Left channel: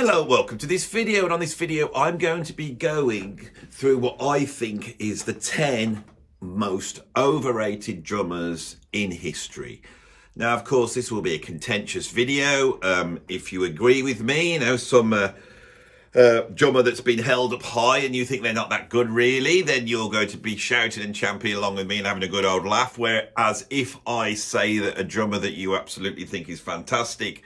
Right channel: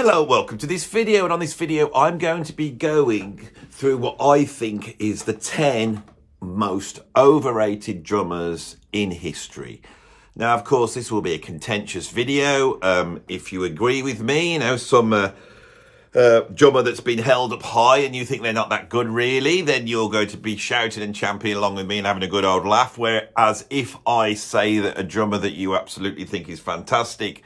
Hello, welcome to this video, and on this video I'm going to be going through what I think is the 10 most overrated drummers in history. Now, of course, this will be a contentious video. If you agree with me, you know, some drummer that's been held up high and you think they're not that good really, then you're going to be shouting and championing along with me and having a good old laugh. Whereas if I say that a drummer that you absolutely think is fantastic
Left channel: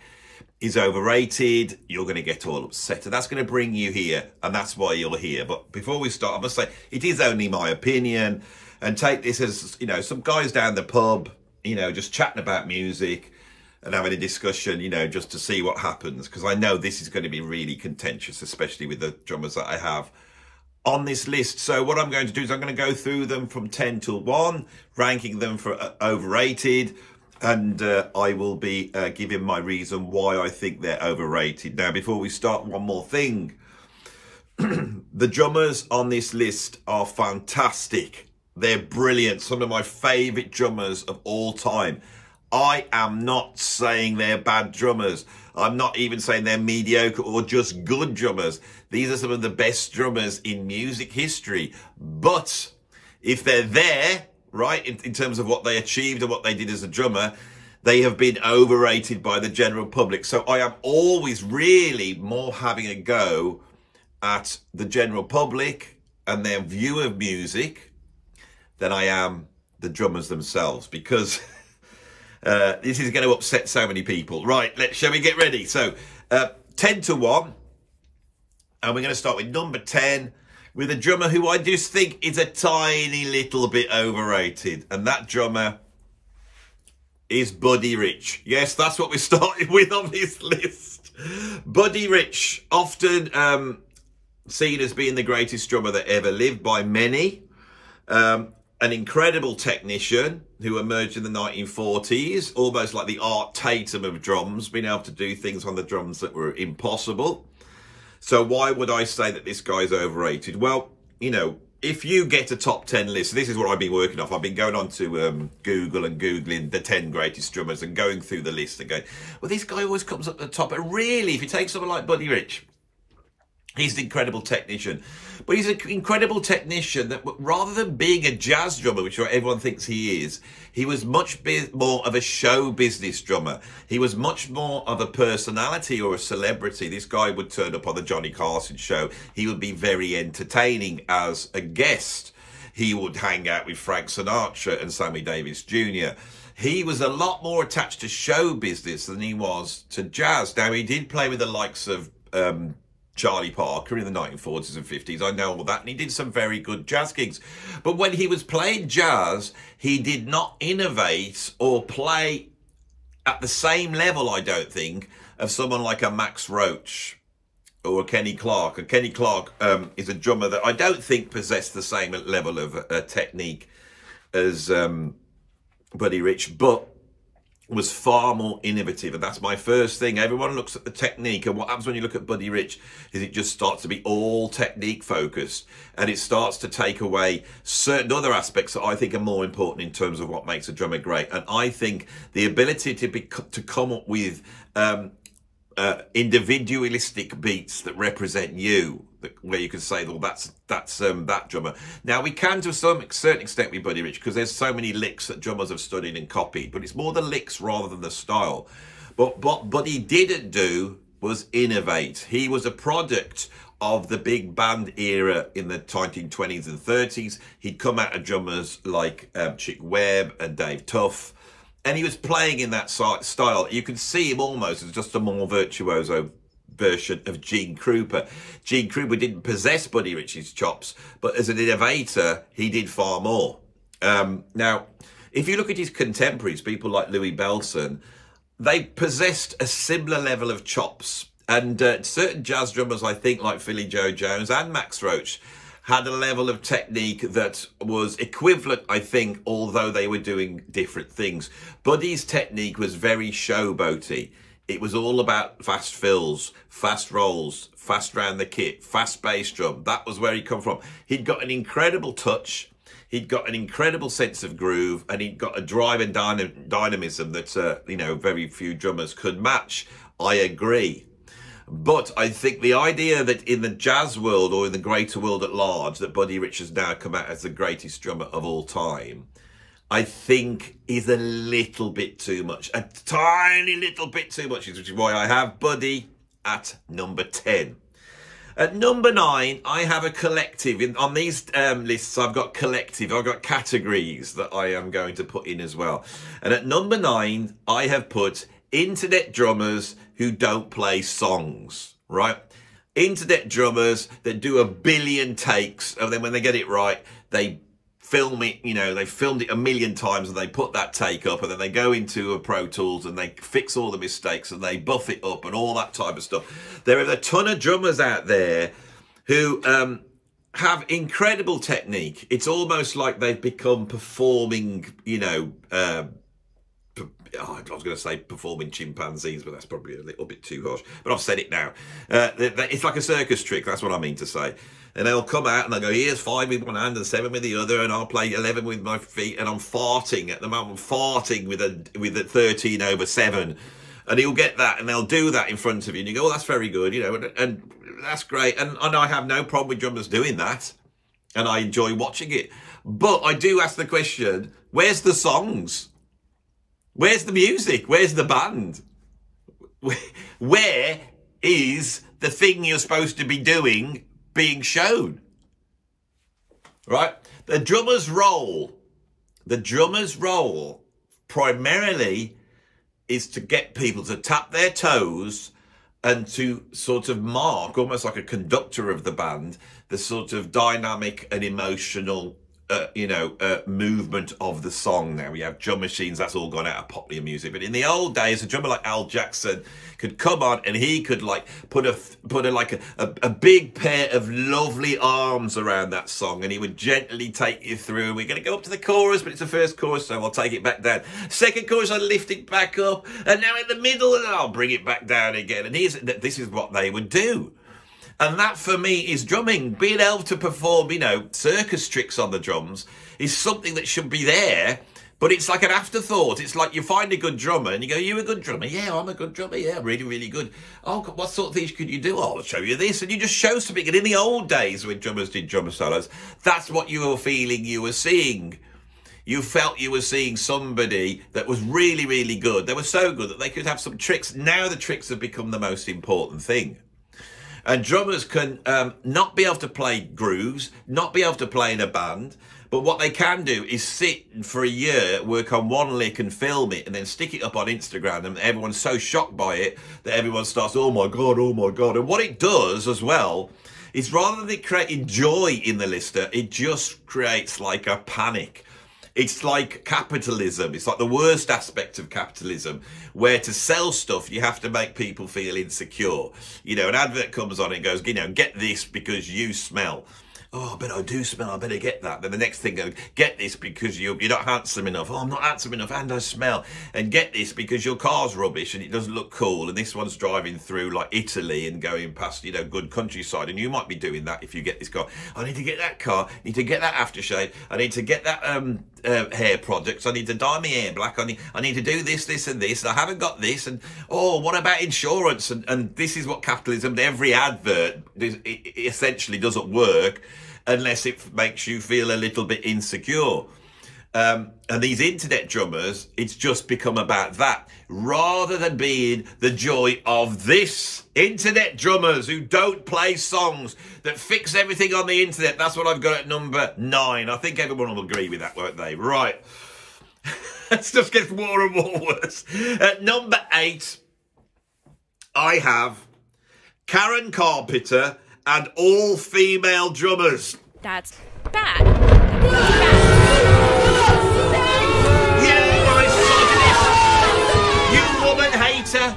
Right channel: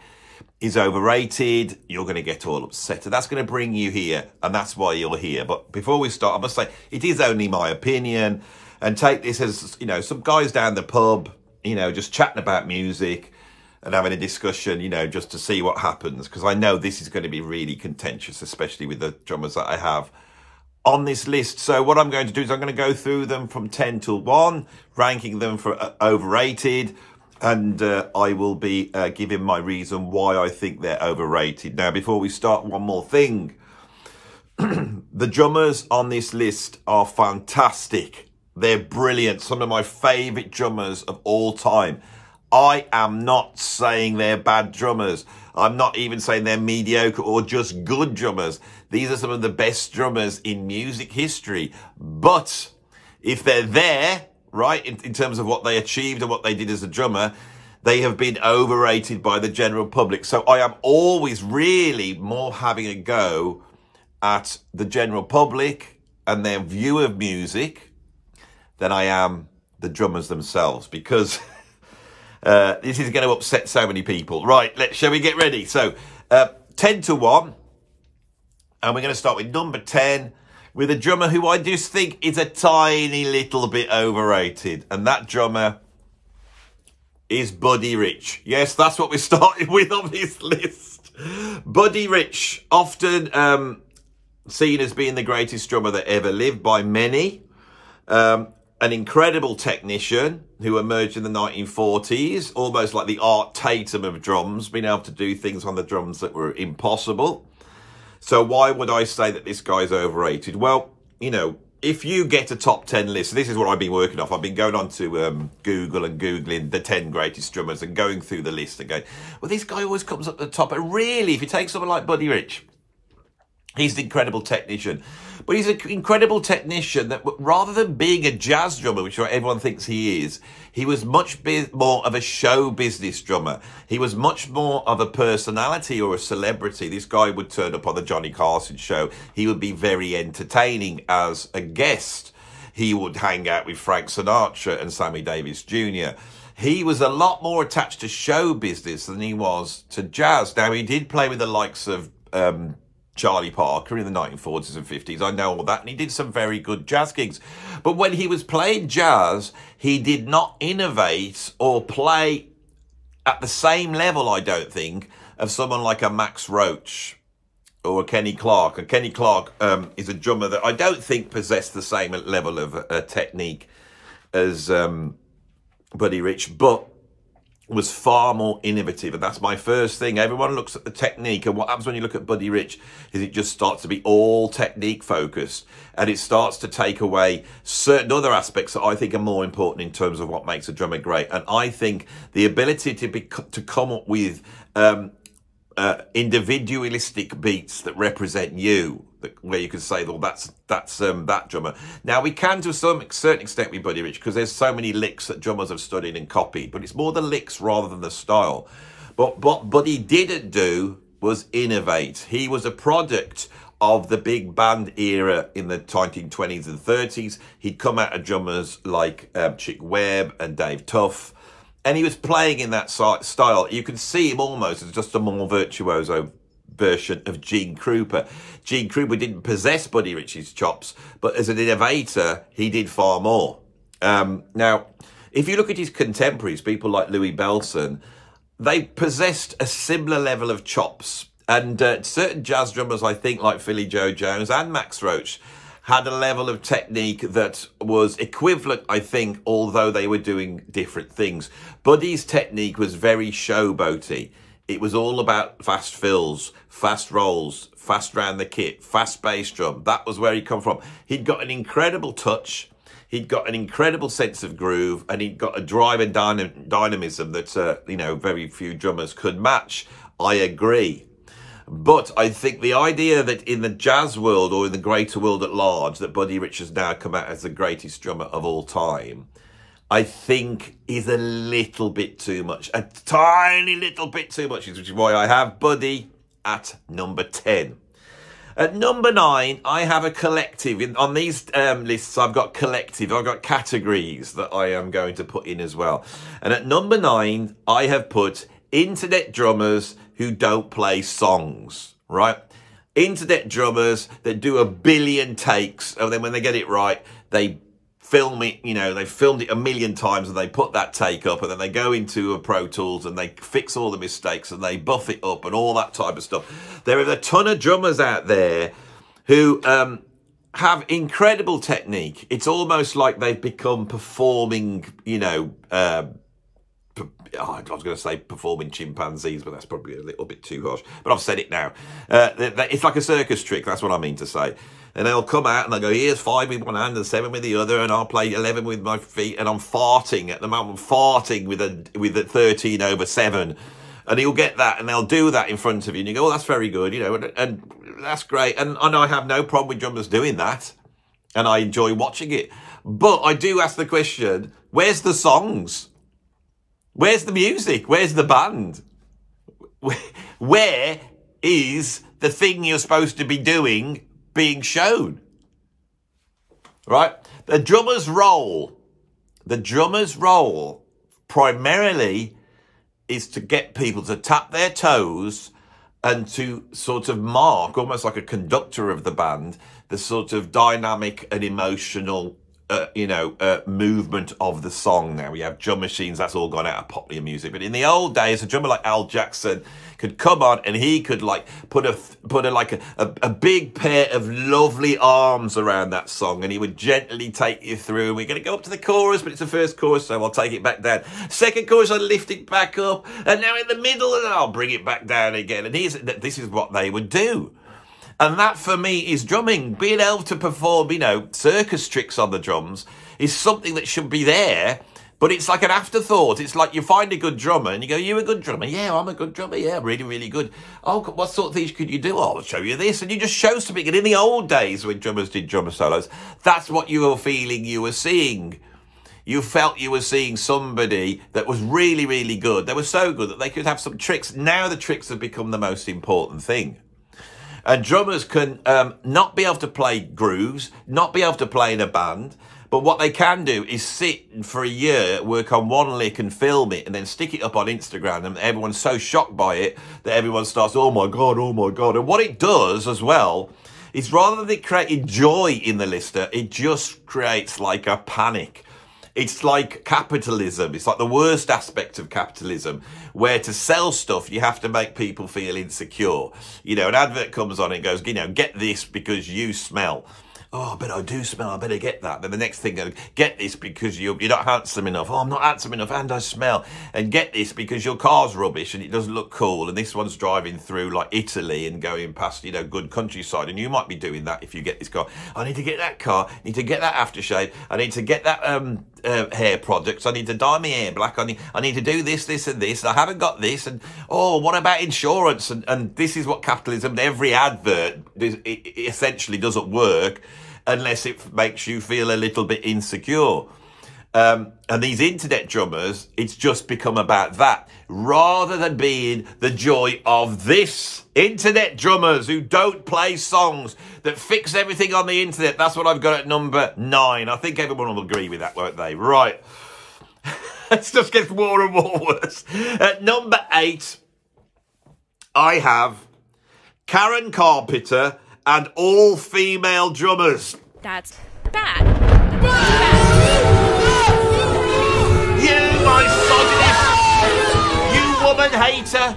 is overrated, you're going to get all upset, and that's going to bring you here, and that's why you're here. But before we start, I must say it is only my opinion, and take this as, you know, some guys down the pub, you know, just chatting about music and having a discussion, you know, just to see what happens, because I know this is going to be really contentious, especially with the drummers that I have on this list. So what I'm going to do is I'm going to go through them from 10 to 1, ranking them for overrated. And I will be giving my reason why I think they're overrated. Now, before we start, one more thing. The drummers on this list are fantastic. They're brilliant. Some of my favourite drummers of all time. I am not saying they're bad drummers. I'm not even saying they're mediocre or just good drummers. These are some of the best drummers in music history. But if they're there, right, in terms of what they achieved and what they did as a drummer, they have been overrated by the general public. So I am always really more having a go at the general public and their view of music than I am the drummers themselves, because this is going to upset so many people. Right, shall we get ready? So 10 to 1, and we're going to start with number 10, with a drummer who I just think is a tiny little bit overrated. And that drummer is Buddy Rich. Yes, that's what we started with on this list. Buddy Rich, often seen as being the greatest drummer that ever lived by many. An incredible technician who emerged in the 1940s, almost like the Art Tatum of drums, being able to do things on the drums that were impossible. So why would I say that this guy's overrated? Well, you know, if you get a top 10 list, this is what I've been working off. I've been going on to Google and Googling the 10 greatest drummers and going through the list and going, well, this guy always comes up at the top. And really, if you take someone like Buddy Rich, he's an incredible technician. But he's an incredible technician that, rather than being a jazz drummer, which everyone thinks he is, he was much more of a show business drummer. He was much more of a personality or a celebrity. This guy would turn up on the Johnny Carson show. He would be very entertaining as a guest. He would hang out with Frank Sinatra and Sammy Davis Jr. He was a lot more attached to show business than he was to jazz. Now, he did play with the likes of Charlie Parker in the 1940s and 50s. I know all that. And he did some very good jazz gigs. But when he was playing jazz, he did not innovate or play at the same level, I don't think, of someone like a Max Roach or a Kenny Clarke. And Kenny Clarke is a drummer that I don't think possessed the same level of technique as Buddy Rich, but was far more innovative. And that's my first thing. Everyone looks at the technique, and what happens when you look at Buddy Rich is it just starts to be all technique focused, and it starts to take away certain other aspects that I think are more important in terms of what makes a drummer great. And I think the ability to come up with individualistic beats that represent you, where you can say, well, that's that drummer. Now, we can to a certain extent with Buddy Rich, because there's so many licks that drummers have studied and copied, but it's more the licks rather than the style. But what Buddy didn't do was innovate. He was a product of the big band era in the 1920s and 30s. He'd come out of drummers like Chick Webb and Dave Tuff, and he was playing in that style. You can see him almost as just a more virtuoso version of Gene Krupa. Gene Krupa didn't possess Buddy Rich's chops, but as an innovator, he did far more. Now, if you look at his contemporaries, people like Louis Bellson, they possessed a similar level of chops. And certain jazz drummers, I think, like Philly Joe Jones and Max Roach, had a level of technique that was equivalent, I think, although they were doing different things. Buddy's technique was very showboaty. It was all about fast fills, fast rolls, fast round the kit, fast bass drum. That was where he come from. He'd got an incredible touch. He'd got an incredible sense of groove, and he'd got a drive and dynamism that, you know, very few drummers could match. I agree. But I think the idea that in the jazz world or in the greater world at large, that Buddy Rich has now come out as the greatest drummer of all time, I think is a little bit too much. A tiny little bit too much, which is why I have Buddy at number 10. At number 9, I have a collective. On these lists, I've got collective. I've got categories that I am going to put in as well. And at number 9, I have put internet drummers who don't play songs, right? Internet drummers that do a billion takes, and then when they get it right, they film it, you know, they filmed it a million times and they put that take up, and then they go into a Pro Tools and they fix all the mistakes and they buff it up and all that type of stuff. There are a ton of drummers out there who have incredible technique. It's almost like they've become performing, you know, I was going to say performing chimpanzees, but that's probably a little bit too harsh. But I've said it now. It's like a circus trick. That's what I mean to say. And they'll come out and they'll go, here's 5 with one hand and 7 with the other, and I'll play 11 with my feet, and I'm farting at the moment. I'm farting with a 13 over 7. And he'll get that, and they'll do that in front of you. And you go, oh, that's very good, you know, and that's great. And I have no problem with drummers doing that. And I enjoy watching it. But I do ask the question, where's the songs? Where's the music? Where's the band? Where is the thing you're supposed to be doing being shown? Right? The drummer's role primarily is to get people to tap their toes and to sort of mark, almost like a conductor of the band, the sort of dynamic and emotional movement of the song. Now we have drum machines, that's all gone out of popular music, but in the old days, a drummer like Al Jackson could come on and he could like put a big pair of lovely arms around that song, and he would gently take you through. We're going to go up to the chorus, but it's the first chorus, so I'll take it back down. Second chorus, I'll lift it back up, and now in the middle, and I'll bring it back down again. And this is what they would do. And that, for me, is drumming. Being able to perform, you know, circus tricks on the drums is something that should be there, but it's like an afterthought. It's like you find a good drummer and you go, you a good drummer? Yeah, I'm a good drummer. Yeah, really, really good. Oh, what sort of things could you do? Oh, I'll show you this. And you just show something. And in the old days when drummers did drummer solos, that's what you were feeling you were seeing. You felt you were seeing somebody that was really, really good. They were so good that they could have some tricks. Now the tricks have become the most important thing. And drummers can not be able to play grooves, not be able to play in a band, but what they can do is sit for a year, work on one lick and film it, and then stick it up on Instagram, and everyone's so shocked by it that everyone starts, oh my God, oh my God. And what it does as well is, rather than it creating joy in the listener, it just creates like a panic. It's like capitalism. It's like the worst aspect of capitalism, where to sell stuff, you have to make people feel insecure. You know, an advert comes on and goes, you know, get this because you smell. Oh, but I do smell, I better get that. Then the next thing goes, get this because you're not handsome enough. Oh, I'm not handsome enough and I smell. And get this because your car's rubbish and it doesn't look cool. And this one's driving through like Italy and going past, you know, good countryside. And you might be doing that if you get this car. I need to get that car. I need to get that aftershave. I need to get that hair products. I need to dye my hair black. I need to do this, this and this. I haven't got this. And, oh, what about insurance? And this is what capitalism, every advert, it essentially doesn't work unless it makes you feel a little bit insecure. And these internet drummers, it's just become about that, rather than being the joy of this. Internet drummers who don't play songs, that fix everything on the internet. That's what I've got at number 9. I think everyone will agree with that, won't they? Right. It just gets more and more worse. At number 8, I have Karen Carpenter and all female drummers. That's bad. That's bad. You misogyny. You woman hater.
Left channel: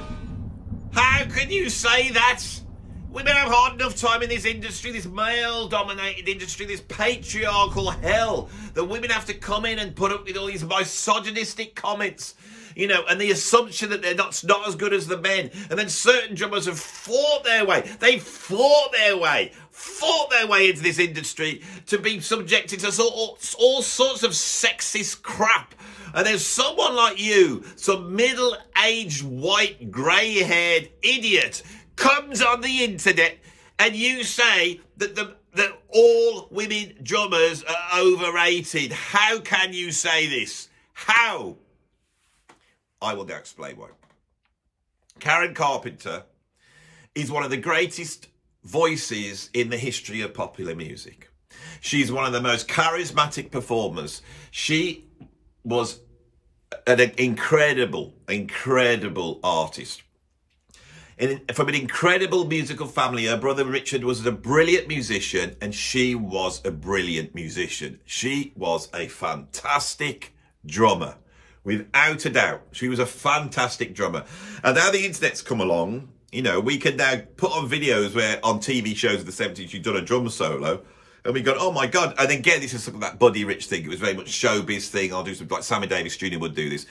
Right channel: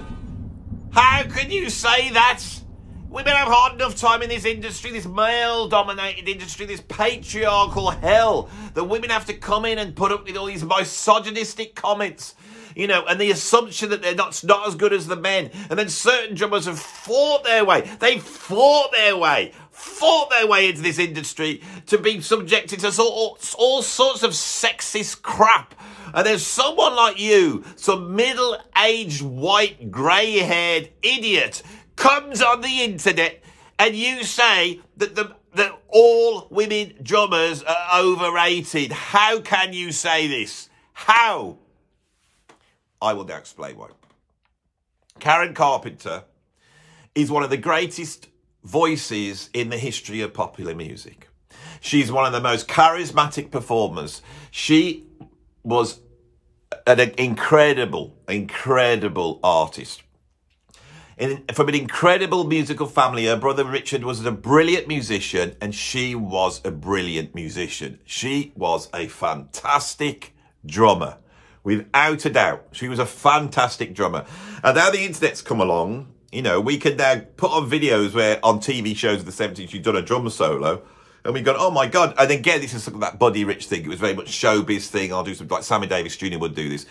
How can you say that? Women have hard enough time in this industry, this male-dominated industry, this patriarchal hell, that women have to come in and put up with all these misogynistic comments. You know, and the assumption that they're not as good as the men. And then certain drummers have fought their way. They fought their way into this industry to be subjected to all sorts of sexist crap. And there's someone like you, some middle-aged, white, grey-haired idiot, comes on the internet and you say that all women drummers are overrated. How can you say this? How? I will now explain why. Karen Carpenter is one of the greatest voices in the history of popular music. She's one of the most charismatic performers. She was an incredible artist. From an incredible musical family. Her brother Richard was a brilliant musician and she was a brilliant musician. She was a fantastic drummer, without a doubt. She was a fantastic drummer. And now the internet's come along, you know, we can now put on videos where on TV shows of the 70s she'd done a drum solo. And we go, oh my God. And again, this is sort of that Buddy Rich thing. It was very much showbiz thing. I'll do something like Sammy Davis Jr. would do this.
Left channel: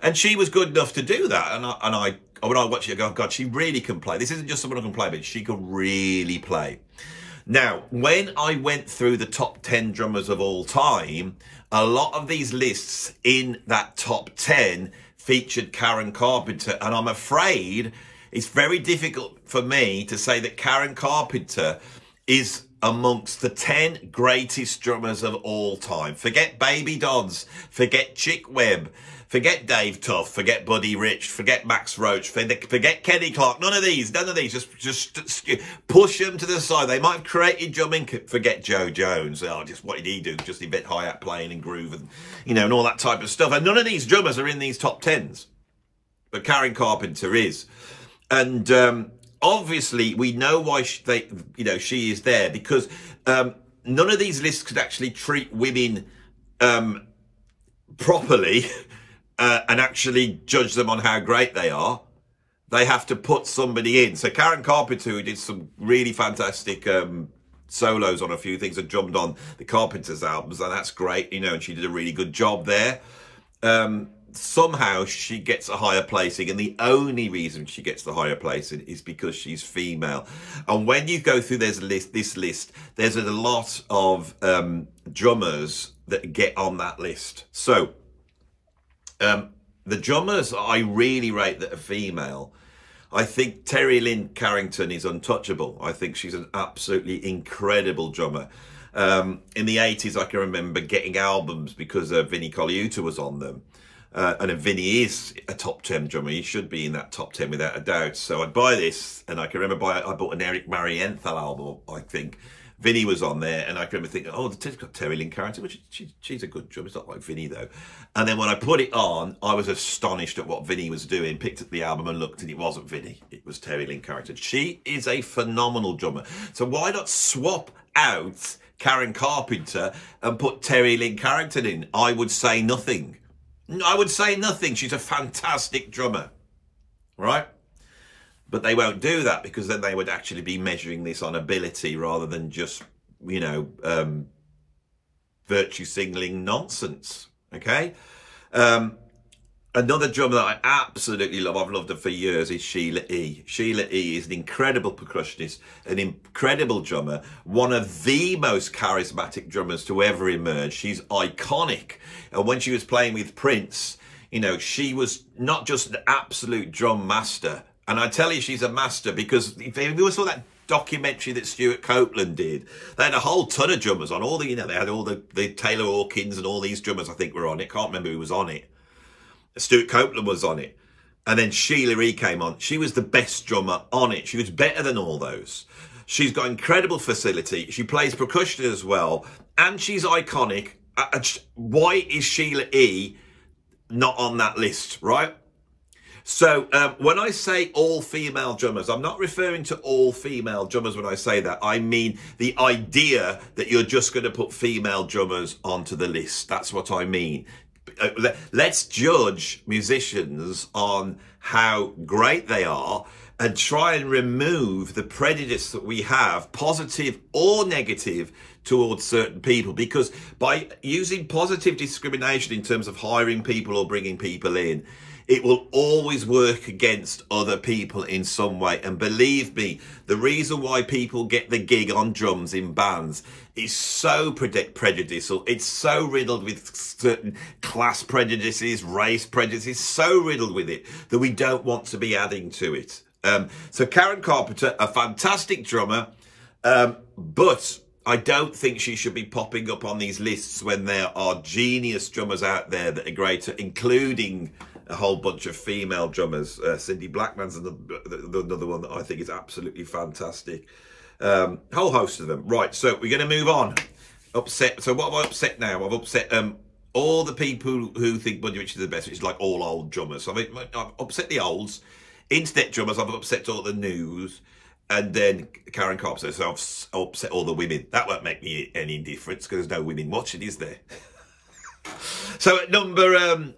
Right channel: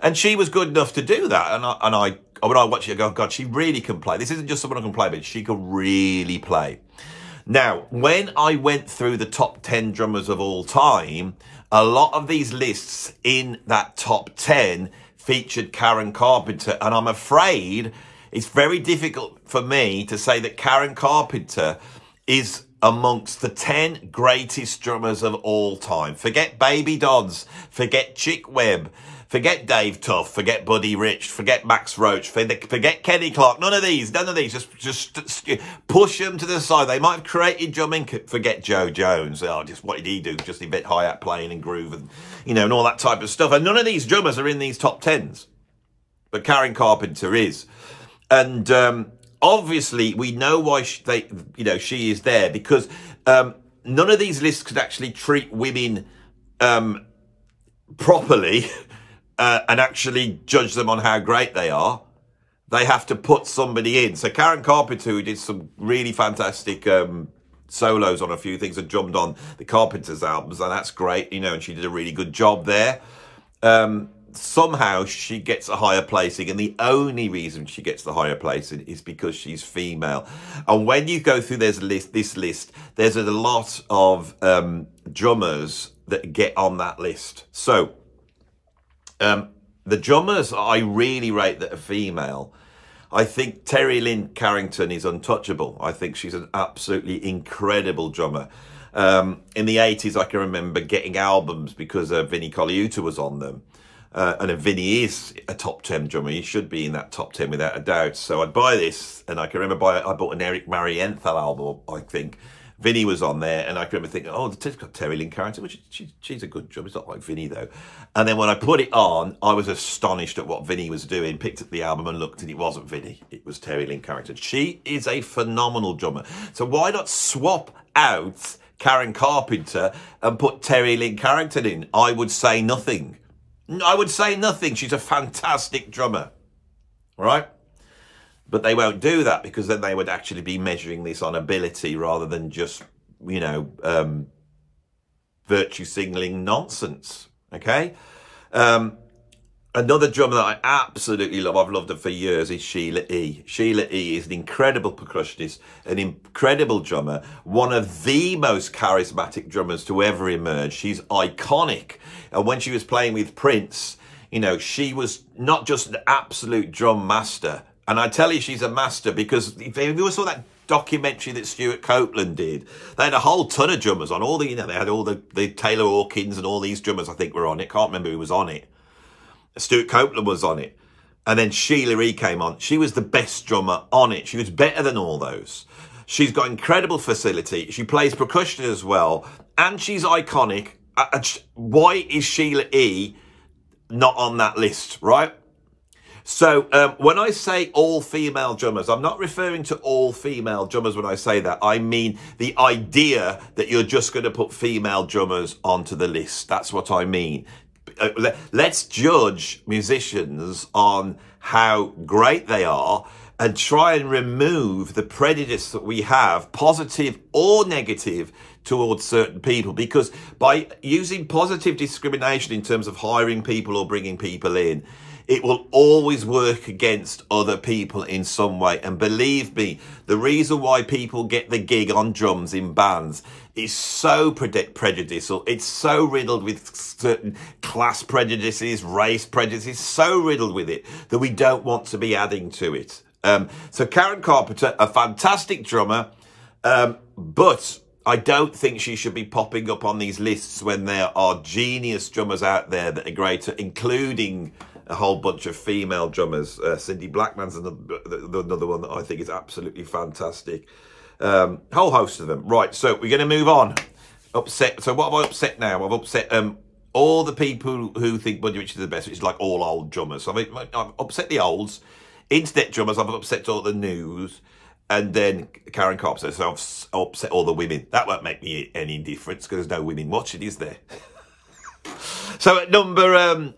And she was good enough to do that. And when I watch it, I go, God, she really can play. This isn't just someone who can play, but she can really play. Now, when I went through the top 10 drummers of all time, a lot of these lists in that top 10 featured Karen Carpenter. And I'm afraid it's very difficult for me to say that Karen Carpenter is amongst the 10 greatest drummers of all time. Forget Baby Dodds, forget Chick Webb, forget Dave Tuff, forget Buddy Rich, forget Max Roach, forget Kenny Clark. None of these. Just push them to the side. They might have created drumming. Forget Joe Jones. Oh, just what did he do? Just invent hi-hat playing and groove and, you know, and all that type of stuff. And none of these drummers are in these top 10s. But Karen Carpenter is. And obviously, we know why she is there, because none of these lists could actually treat women properly and actually judge them on how great they are. They have to put somebody in. So Karen Carpenter, who did some really fantastic solos on a few things and drummed on the Carpenters albums, and that's great, you know, and she did a really good job there. Somehow she gets a higher placing, and the only reason she gets the higher placing is because she's female. And when you go through this list, there's a lot of drummers that get on that list. So the drummers I really rate that are female, I think Terry Lynn Carrington is untouchable. I think she's an absolutely incredible drummer. In the 80s, I can remember getting albums because Vinnie Colaiuta was on them. And Vinny is a top 10 drummer. He should be in that top 10 without a doubt. So I'd buy this, and I can remember I bought an Eric Marienthal album, I think. Vinny was on there, and I can remember thinking, oh, it's got Terry Lynn Carrington, which she's a good drummer. It's not like Vinny, though. And then when I put it on, I was astonished at what Vinny was doing, picked up the album and looked, and it wasn't Vinny. It was Terry Lynn Carrington. She is a phenomenal drummer. So why not swap out Karen Carpenter and put Terry Lynn Carrington in? I would say nothing. I would say nothing. She's a fantastic drummer, right? But they won't do that, because then they would actually be measuring this on ability rather than just, you know, virtue signaling nonsense, okay? Another drummer that I absolutely love, I've loved her for years, is Sheila E. Sheila E. is an incredible percussionist, an incredible drummer, one of the most charismatic drummers to ever emerge. She's iconic. And when she was playing with Prince, you know, she was not just an absolute drum master. And I tell you, she's a master, because if you saw that documentary that Stuart Copeland did, they had a whole ton of drummers on. All the, you know, they had all the Taylor Hawkins and all these drummers, I think, were on it. Can't remember who was on it. Stuart Copeland was on it. And then Sheila E. came on. She was the best drummer on it. She was better than all those. She's got incredible facility. She plays percussion as well. And she's iconic. Why is Sheila E. not on that list, right? So when I say all female drummers, I'm not referring to all female drummers when I say that. I mean the idea that you're just going to put female drummers onto the list. That's what I mean. Let's judge musicians on how great they are and try and remove the prejudice that we have, positive or negative, towards certain people, because by using positive discrimination in terms of hiring people or bringing people in, it will always work against other people in some way. And believe me, the reason why people get the gig on drums in bands is so prejudicial. It's so riddled with certain class prejudices, race prejudices, so riddled with it that we don't want to be adding to it. So Karen Carpenter, a fantastic drummer, but I don't think she should be popping up on these lists when there are genius drummers out there that are greater, including a whole bunch of female drummers. Cindy Blackman's another one that I think is absolutely fantastic. Whole host of them. Right, so we're going to move on. Upset. So what have I upset now? I've upset all the people who think Buddy Rich is the best, which is like all old drummers. So I've upset the olds. Internet drummers, I've upset all the news. And then Karen Carpenter, so I've upset all the women. That won't make me any difference because there's no women watching, is there? So at number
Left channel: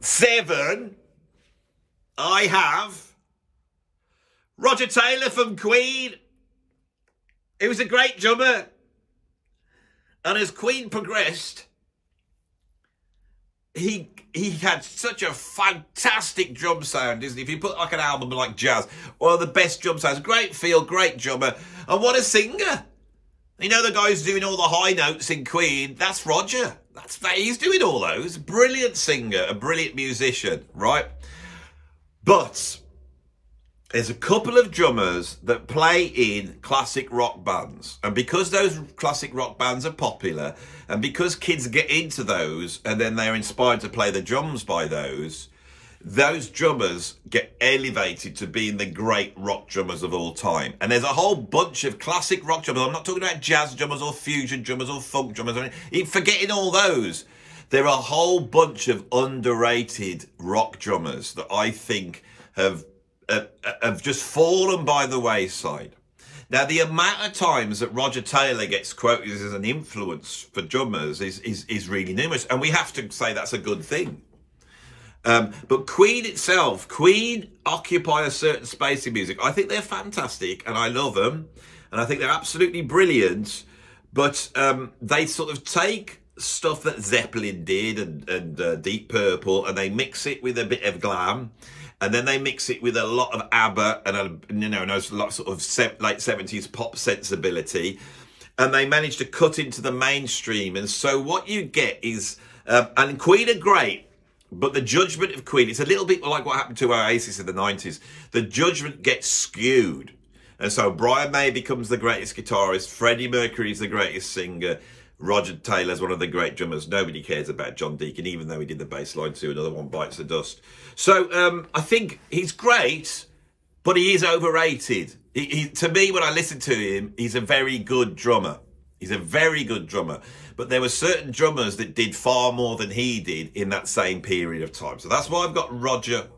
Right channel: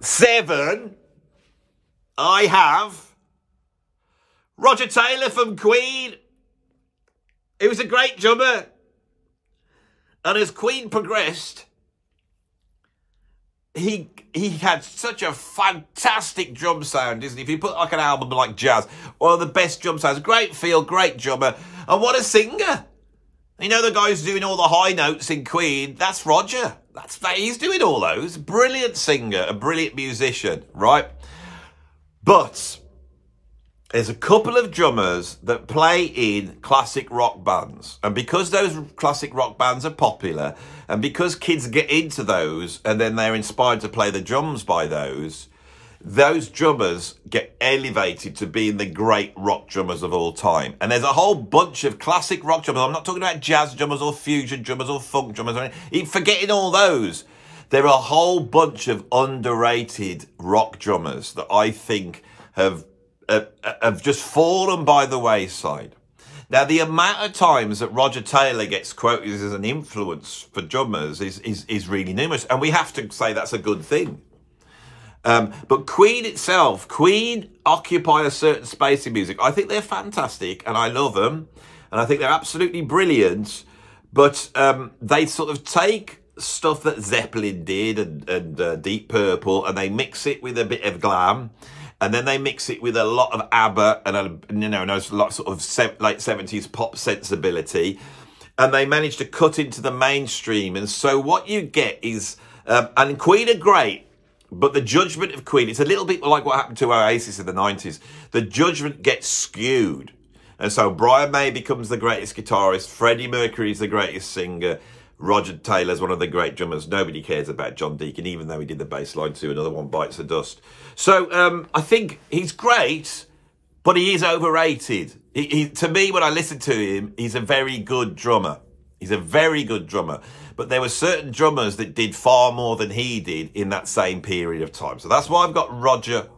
7, I have Roger Taylor from Queen. He was a great drummer. And as Queen progressed, he had such a fantastic drum sound, isn't he? If you put like an album like Jazz, one of the best drum sounds, great feel, great drummer, and what a singer. You know the guy who's doing all the high notes in Queen, that's Roger. He's doing all those. Brilliant singer, a brilliant musician, right? But there's a couple of drummers that play in classic rock bands. And because those classic rock bands are popular, and because kids get into those, and then they're inspired to play the drums by those drummers get elevated to being the great rock drummers of all time. And there's a whole bunch of classic rock drummers. I'm not talking about jazz drummers or fusion drummers or funk drummers or anything. Forgetting all those. There are a whole bunch of underrated rock drummers that I think have just fallen by the wayside. Now, the amount of times that Roger Taylor gets quoted as an influence for drummers is really numerous. And we have to say that's a good thing. But Queen itself, Queen occupy a certain space in music. I think they're fantastic and I love them. And I think they're absolutely brilliant. But they sort of take stuff that Zeppelin did and Deep Purple and they mix it with a bit of glam. And then they mix it with a lot of ABBA and a lot of sort of late 70s pop sensibility. And they manage to cut into the mainstream. And so what you get is, and Queen are great, but the judgment of Queen, it's a little bit like what happened to Oasis in the 90s. The judgment gets skewed. And so Brian May becomes the greatest guitarist. Freddie Mercury's the greatest singer. Roger Taylor's one of the great drummers. Nobody cares about John Deacon, even though he did the bass line too. Another one bites the dust. So I think he's great, but he is overrated. To me, when I listen to him, he's a very good drummer. He's a very good drummer. But there were certain drummers that did far more than he did in that same period of time. So that's why I've got Roger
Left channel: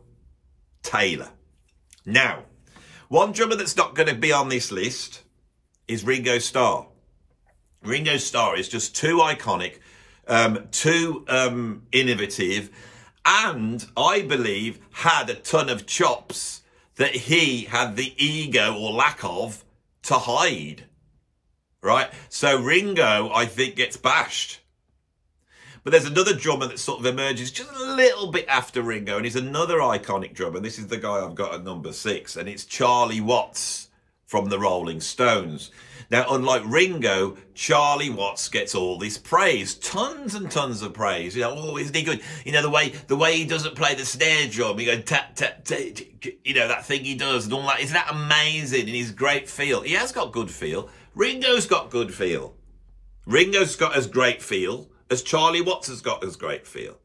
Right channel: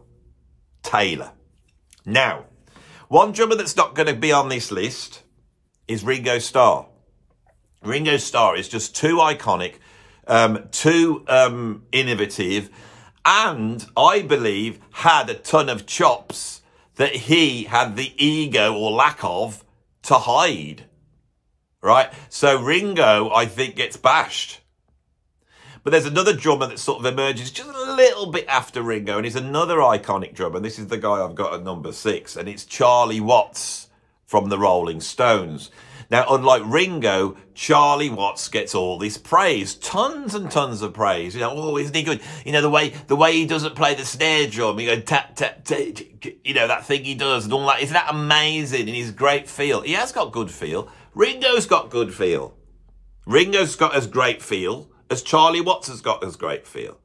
Taylor. Now, one drummer that's not going to be on this list is Ringo Starr. Ringo Starr is just too iconic, too innovative, and I believe had a ton of chops that he had the ego or lack of to hide, right? So Ringo, I think, gets bashed. But there's another drummer that sort of emerges just a little bit after Ringo, and he's another iconic drummer. And this is the guy I've got at number 6, and it's Charlie Watts from the Rolling Stones. Now, unlike Ringo, Charlie Watts gets all this praise, tons and tons of praise. You know, oh, isn't he good? You know, the way he doesn't play the snare drum, he goes tap, tap, tap, you know, that thing he does and all that. Isn't that amazing? And his great feel. He has got good feel. Ringo's got good feel. Ringo's got as great feel as Charlie Watts has got as great feel.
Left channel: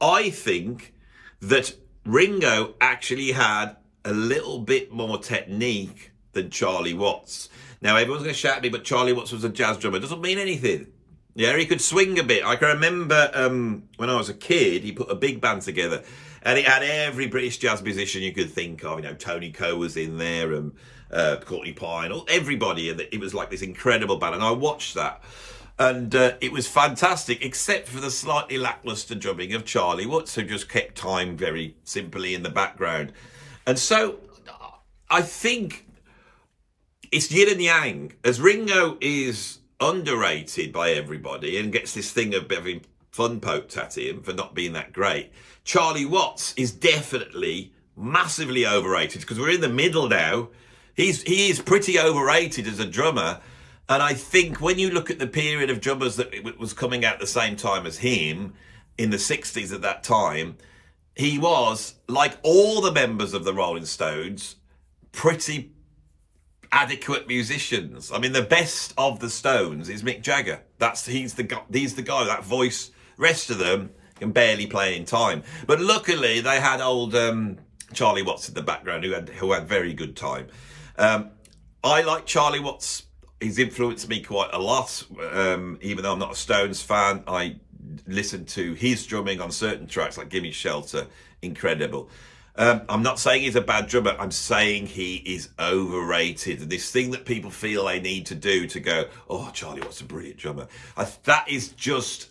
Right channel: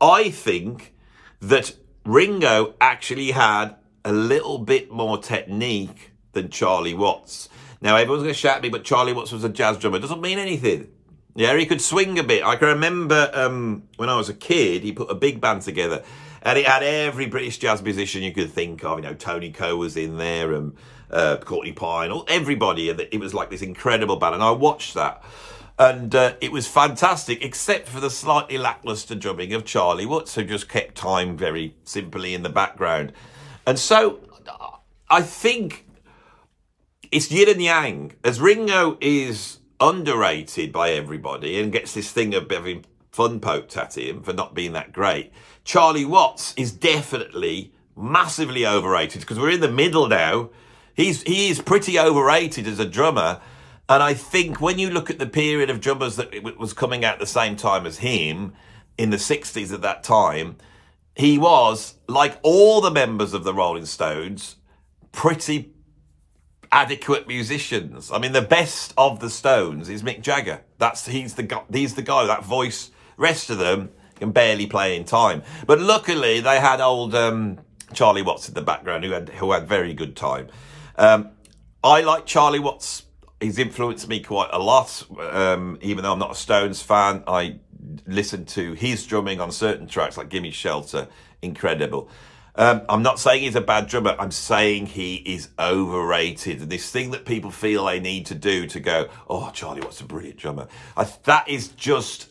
I think that Ringo actually had a little bit more technique than Charlie Watts. Now, everyone's going to shout at me, but Charlie Watts was a jazz drummer. It doesn't mean anything. Yeah, he could swing a bit. I can remember when I was a kid, he put a big band together. And it had every British jazz musician you could think of. You know, Tony Coe was in there and Courtney Pine, everybody. And it was like this incredible band. And I watched that. And it was fantastic, except for the slightly lackluster drumming of Charlie Watts, who just kept time very simply in the background. And so I think it's yin and yang. As Ringo is underrated by everybody and gets this thing of having fun poked at him for not being that great, Charlie Watts is definitely massively overrated because we're in the middle now. He is pretty overrated as a drummer. And I think when you look at the period of drummers that was coming out at the same time as him in the 60s at that time, he was, like all the members of the Rolling Stones, pretty adequate musicians. I mean, the best of the Stones is Mick Jagger. He's the guy, that voice. Rest of them can barely play in time. But luckily, they had old Charlie Watts in the background who had very good time. I like Charlie Watts. He's influenced me quite a lot. Even though I'm not a Stones fan, I listen to his drumming on certain tracks like Gimme Shelter. Incredible. I'm not saying he's a bad drummer. I'm saying he is overrated. And this thing that people feel they need to do to go, oh, Charlie Watts a brilliant drummer. That is just,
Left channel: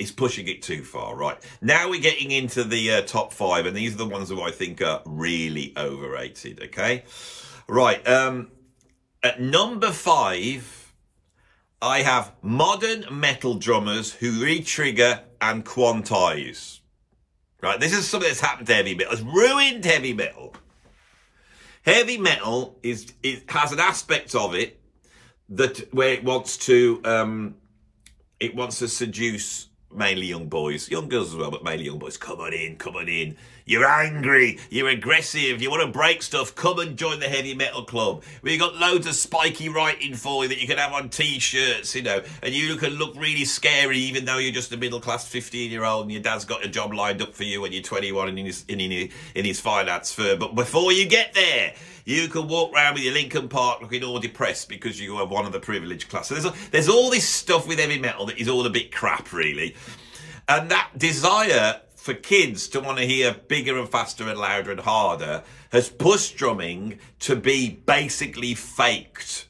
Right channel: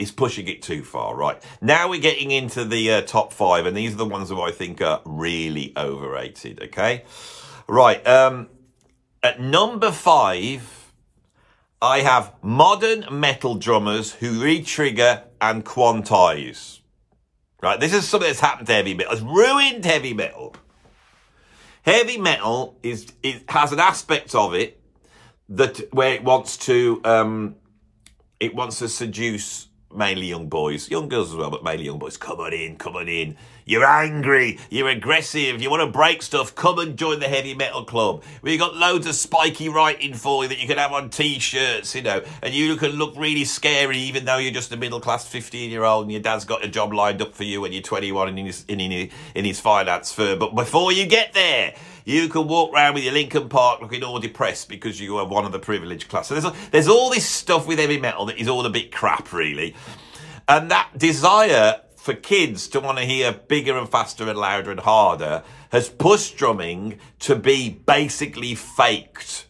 is pushing it too far, right? Now we're getting into the top 5. And these are the ones who I think are really overrated, okay? Right. At number 5, I have modern metal drummers who re-trigger and quantize. Right, this is something that's happened to heavy metal. It's ruined heavy metal. Heavy metal has an aspect of it that where it wants to seduce mainly young boys, young girls as well, but mainly young boys. Come on in, come on in. You're angry, you're aggressive, you want to break stuff, come and join the heavy metal club. We've got loads of spiky writing for you that you can have on t-shirts, you know, and you can look really scary even though you're just a middle-class 15-year-old and your dad's got a job lined up for you when you're 21 and in his finance firm. But before you get there, you can walk around with your Lincoln Park looking all depressed because you are one of the privileged class. So there's all this stuff with heavy metal that is all a bit crap, really. And that desire for kids to want to hear bigger and faster and louder and harder has pushed drumming to be basically faked.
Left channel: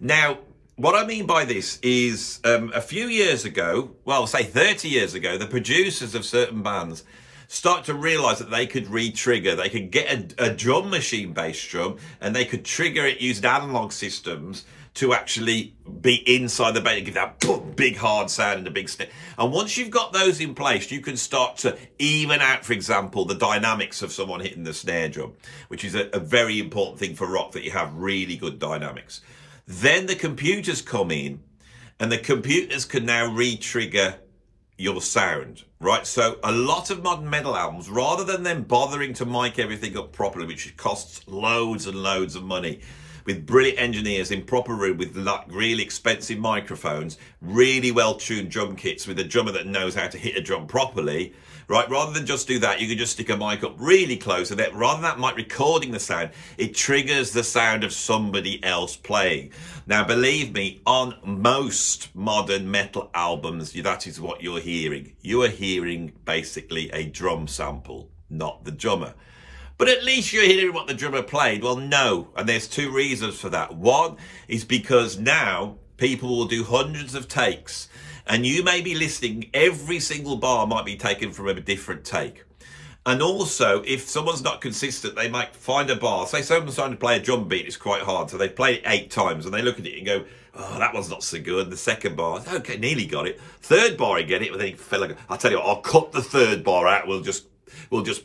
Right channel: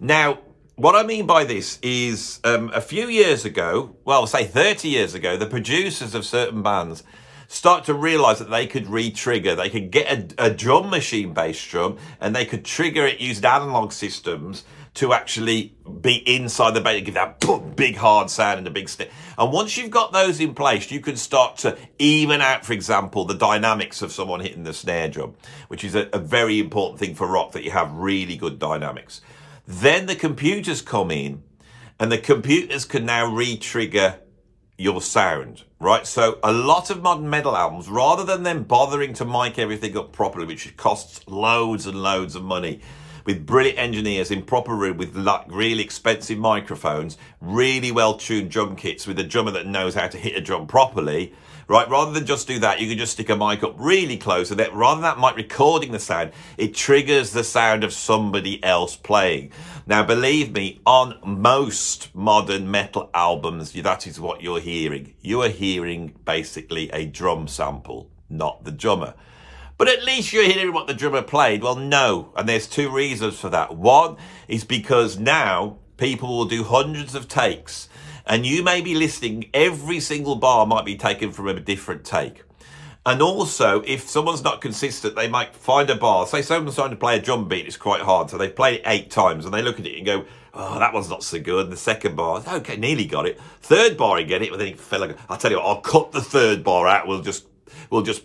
Now, what I mean by this is a few years ago, well, say 30 years ago, the producers of certain bands start to realise that they could re-trigger. They could get a drum machine bass drum and they could trigger it using analog systems to actually be inside the bass and give that boom, big hard sound and a big snare. And once you've got those in place, you can start to even out, for example, the dynamics of someone hitting the snare drum, which is a very important thing for rock, that you have really good dynamics. Then the computers come in and the computers can now re-trigger your sound, right? So a lot of modern metal albums, rather than them bothering to mic everything up properly, which costs loads and loads of money, with brilliant engineers in proper room with like really expensive microphones, really well-tuned drum kits with a drummer that knows how to hit a drum properly, right? Rather than just do that, you can just stick a mic up really close and that rather than that mic recording the sound, it triggers the sound of somebody else playing. Now, believe me, on most modern metal albums, that is what you're hearing. You are hearing basically a drum sample, not the drummer. But at least you're hearing what the drummer played. Well, no. And there's two reasons for that. One is because now people will do hundreds of takes and you may be listening, every single bar might be taken from a different take. And also, if someone's not consistent, they might find a bar. Say someone's trying to play a drum beat, it's quite hard. So they play it 8 times and they look at it and go, oh, that one's not so good. And the second bar, okay, nearly got it. Third bar, you get it, but then it fell like, I'll tell you what, I'll cut the third bar out. We'll just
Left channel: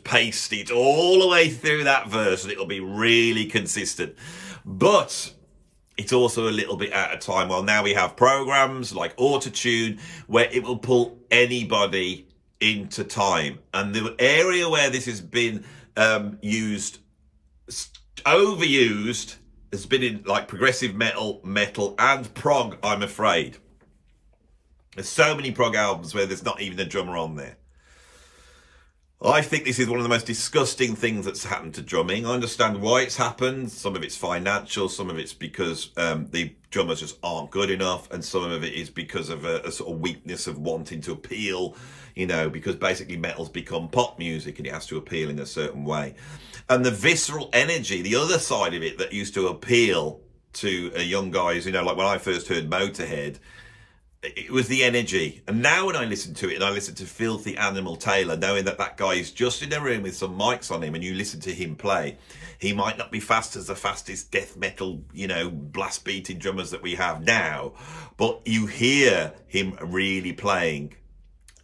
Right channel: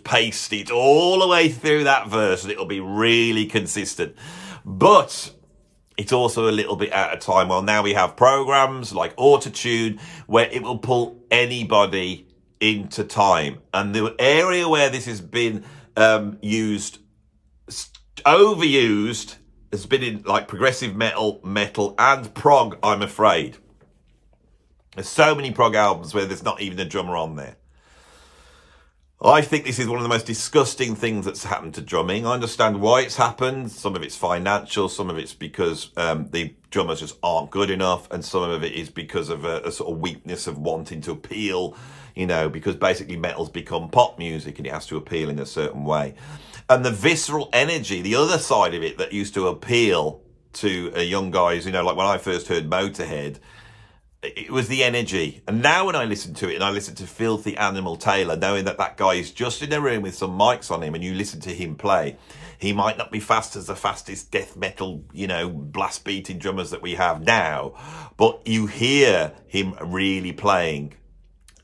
paste it all the way through that verse and it'll be really consistent. But it's also a little bit out of time. Well, now we have programs like Autotune where it will pull anybody into time. And the area where this has been overused, has been in like progressive metal, and prog, I'm afraid. There's so many prog albums where there's not even a drummer on there. I think this is one of the most disgusting things that's happened to drumming. I understand why it's happened. Some of it's financial, some of it's because the drummers just aren't good enough, and some of it is because of a sort of weakness of wanting to appeal, you know, because basically metal's become pop music and it has to appeal in a certain way. And the visceral energy, the other side of it that used to appeal to young guys, you know, like when I first heard Motorhead, it was the energy. And now when I listen to it and I listen to Filthy Animal Taylor, knowing that that guy is just in a room with some mics on him and you listen to him play, he might not be fast as the fastest death metal, you know, blast beating drummers that we have now, but you hear him really playing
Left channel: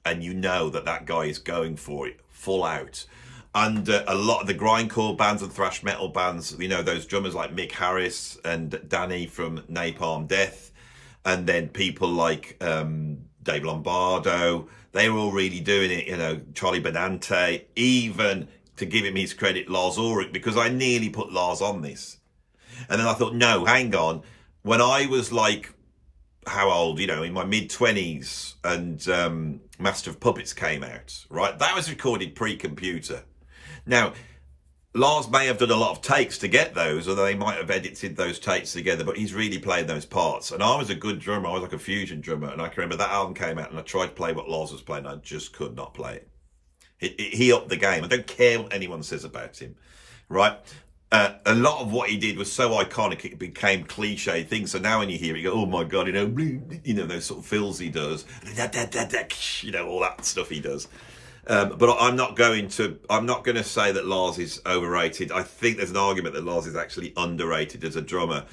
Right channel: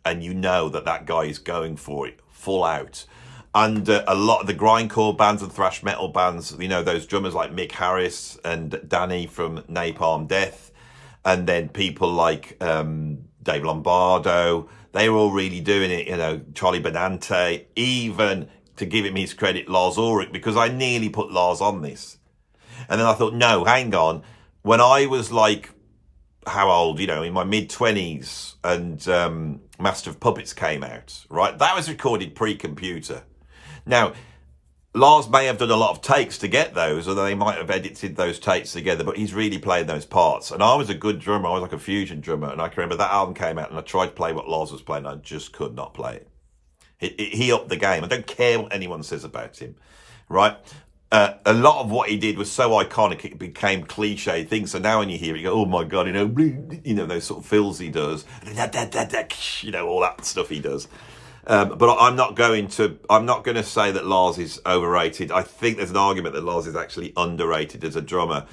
and you know that that guy is going for it full out. And a lot of the grindcore bands and thrash metal bands, you know, those drummers like Mick Harris and Danny from Napalm Death, and then people like Dave Lombardo, they were all really doing it, you know, Charlie Benante, even, to give him his credit, Lars Ulrich, because I nearly put Lars on this. And then I thought, no, hang on. When I was like, how old, you know, in my mid-20s, and Master of Puppets came out, right? That was recorded pre-computer. Now, Lars may have done a lot of takes to get those, or they might have edited those takes together, but he's really played those parts. And I was a good drummer. I was like a fusion drummer. And I can remember that album came out and I tried to play what Lars was playing. I just could not play it. He upped the game. I don't care what anyone says about him, right? A lot of what he did was so iconic, it became cliche things. So now when you hear it, you go, oh my God, you know, those sort of fills he does, you know, all that stuff he does. But I'm not going to say that Lars is overrated. I think there's an argument that Lars is actually underrated as a drummer,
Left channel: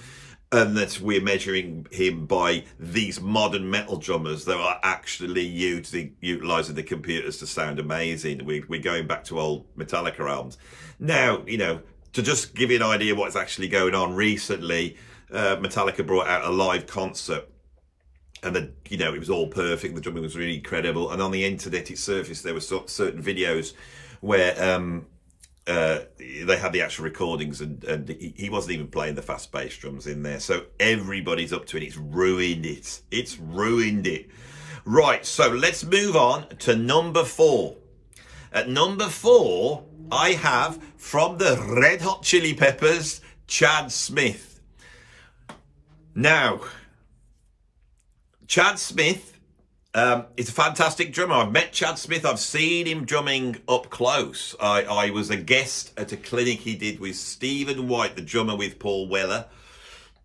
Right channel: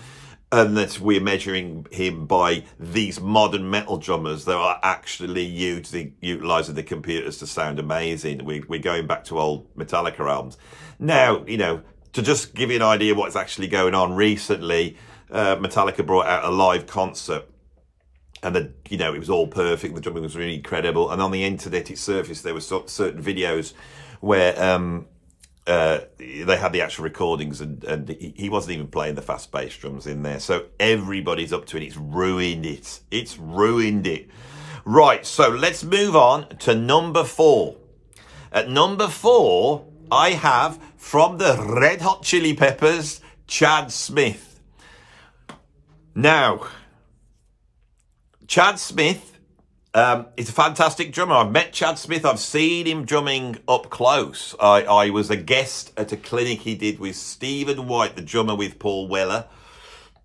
and that we're measuring him by these modern metal drummers that are actually utilising the computers to sound amazing. We're going back to old Metallica albums. Now, you know, to just give you an idea of what's actually going on, recently, Metallica brought out a live concert. And, you know, it was all perfect. The drumming was really incredible. And on the internet, it surfaced there were certain videos where they had the actual recordings, and he wasn't even playing the fast bass drums in there. So everybody's up to it. It's ruined it. It's ruined it. Right, so let's move on to number 4. At number 4, I have, from the Red Hot Chili Peppers, Chad Smith. Now, Chad Smith is a fantastic drummer. I've met Chad Smith. I've seen him drumming up close. I was a guest at a clinic he did with Stephen White, the drummer with Paul Weller.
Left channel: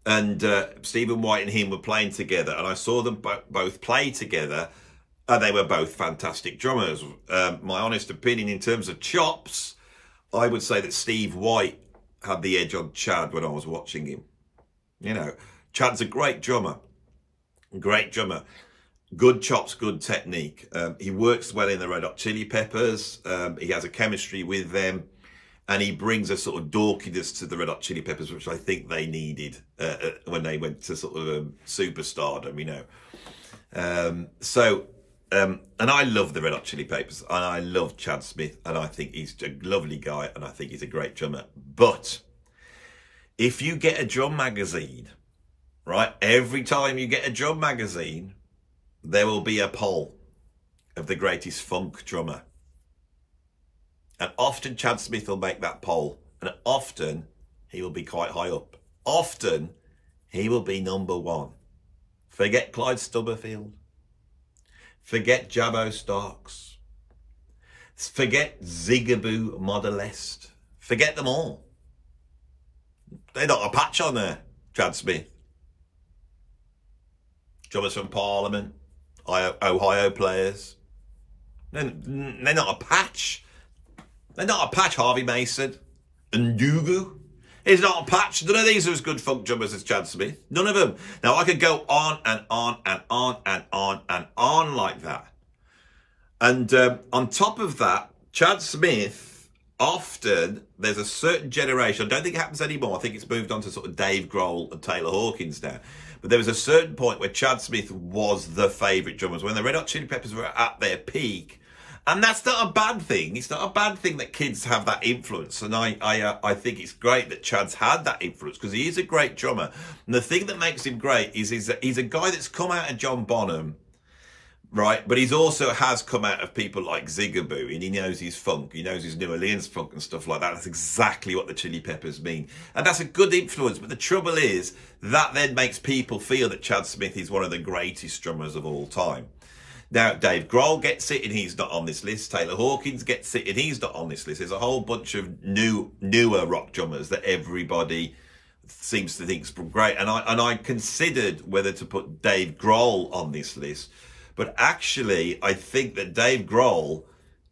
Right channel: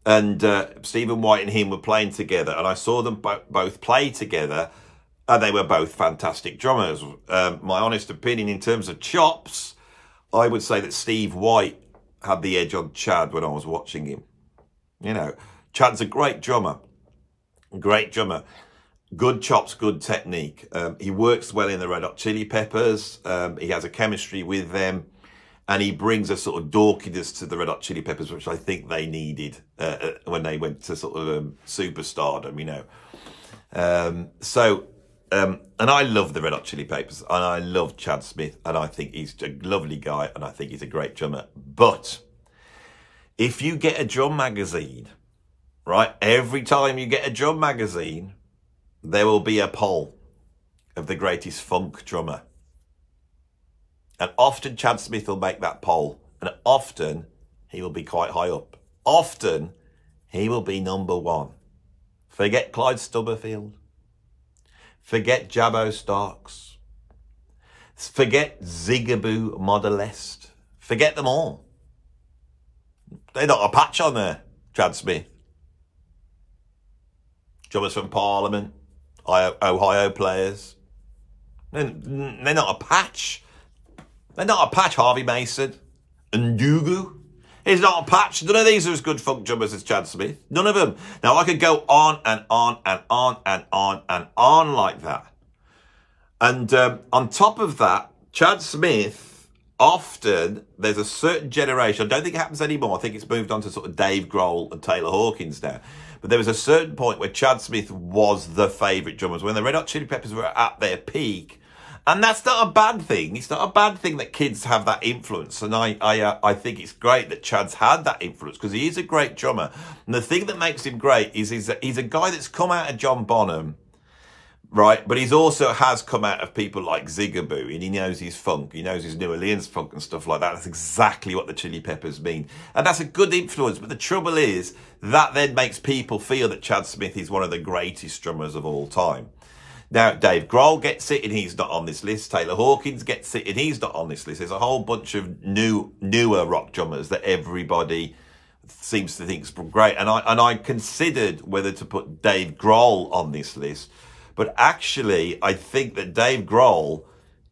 And Stephen White and him were playing together. And I saw them both play together. And they were both fantastic drummers. My honest opinion, in terms of chops, I would say that Steve White had the edge on Chad when I was watching him. You know, Chad's a great drummer. Great drummer, good chops, good technique. He works well in the Red Hot Chili Peppers. He has a chemistry with them, and he brings a sort of dorkiness to the Red Hot Chili Peppers, which I think they needed when they went to sort of superstardom, you know. And I love the Red Hot Chili Peppers, and I love Chad Smith, and I think he's a lovely guy, and I think he's a great drummer. But if you get a drum magazine, right, every time you get a drum magazine, there will be a poll of the greatest funk drummer. And often Chad Smith will make that poll. And often he will be quite high up. Often he will be number 1. Forget Clyde Stubblefield. Forget Jabbo Starks. Forget Zigaboo Modellest. Forget them all. They're not a patch on there, Chad Smith. Drummers from Parliament, Ohio players. They're not a patch. They're not a patch, Harvey Mason. And Ndugu. He's not a patch. None of these are as good funk drummers as Chad Smith. None of them. Now, I could go on and on and on and on and on like that. And on top of that, Chad Smith, often, there's a certain generation. I don't think it happens anymore. I think it's moved on to sort of Dave Grohl and Taylor Hawkins now. But there was a certain point where Chad Smith was the favourite drummers, when the Red Hot Chili Peppers were at their peak. And that's not a bad thing. It's not a bad thing that kids have that influence. And I think it's great that Chad's had that influence, because he is a great drummer. And the thing that makes him great is that he's a guy that's come out of John Bonham, right? But he's also has come out of people like Zigaboo, and he knows his funk. He knows his New Orleans funk and stuff like that. That's exactly what the Chili Peppers mean. And that's a good influence. But the trouble is, that then makes people feel that Chad Smith is one of the greatest drummers of all time. Now, Dave Grohl gets it, and he's not on this list. Taylor Hawkins gets it, and he's not on this list. There's a whole bunch of newer rock drummers that everybody seems to think is great. And I considered whether to put Dave Grohl on this list. But actually, I think that Dave Grohl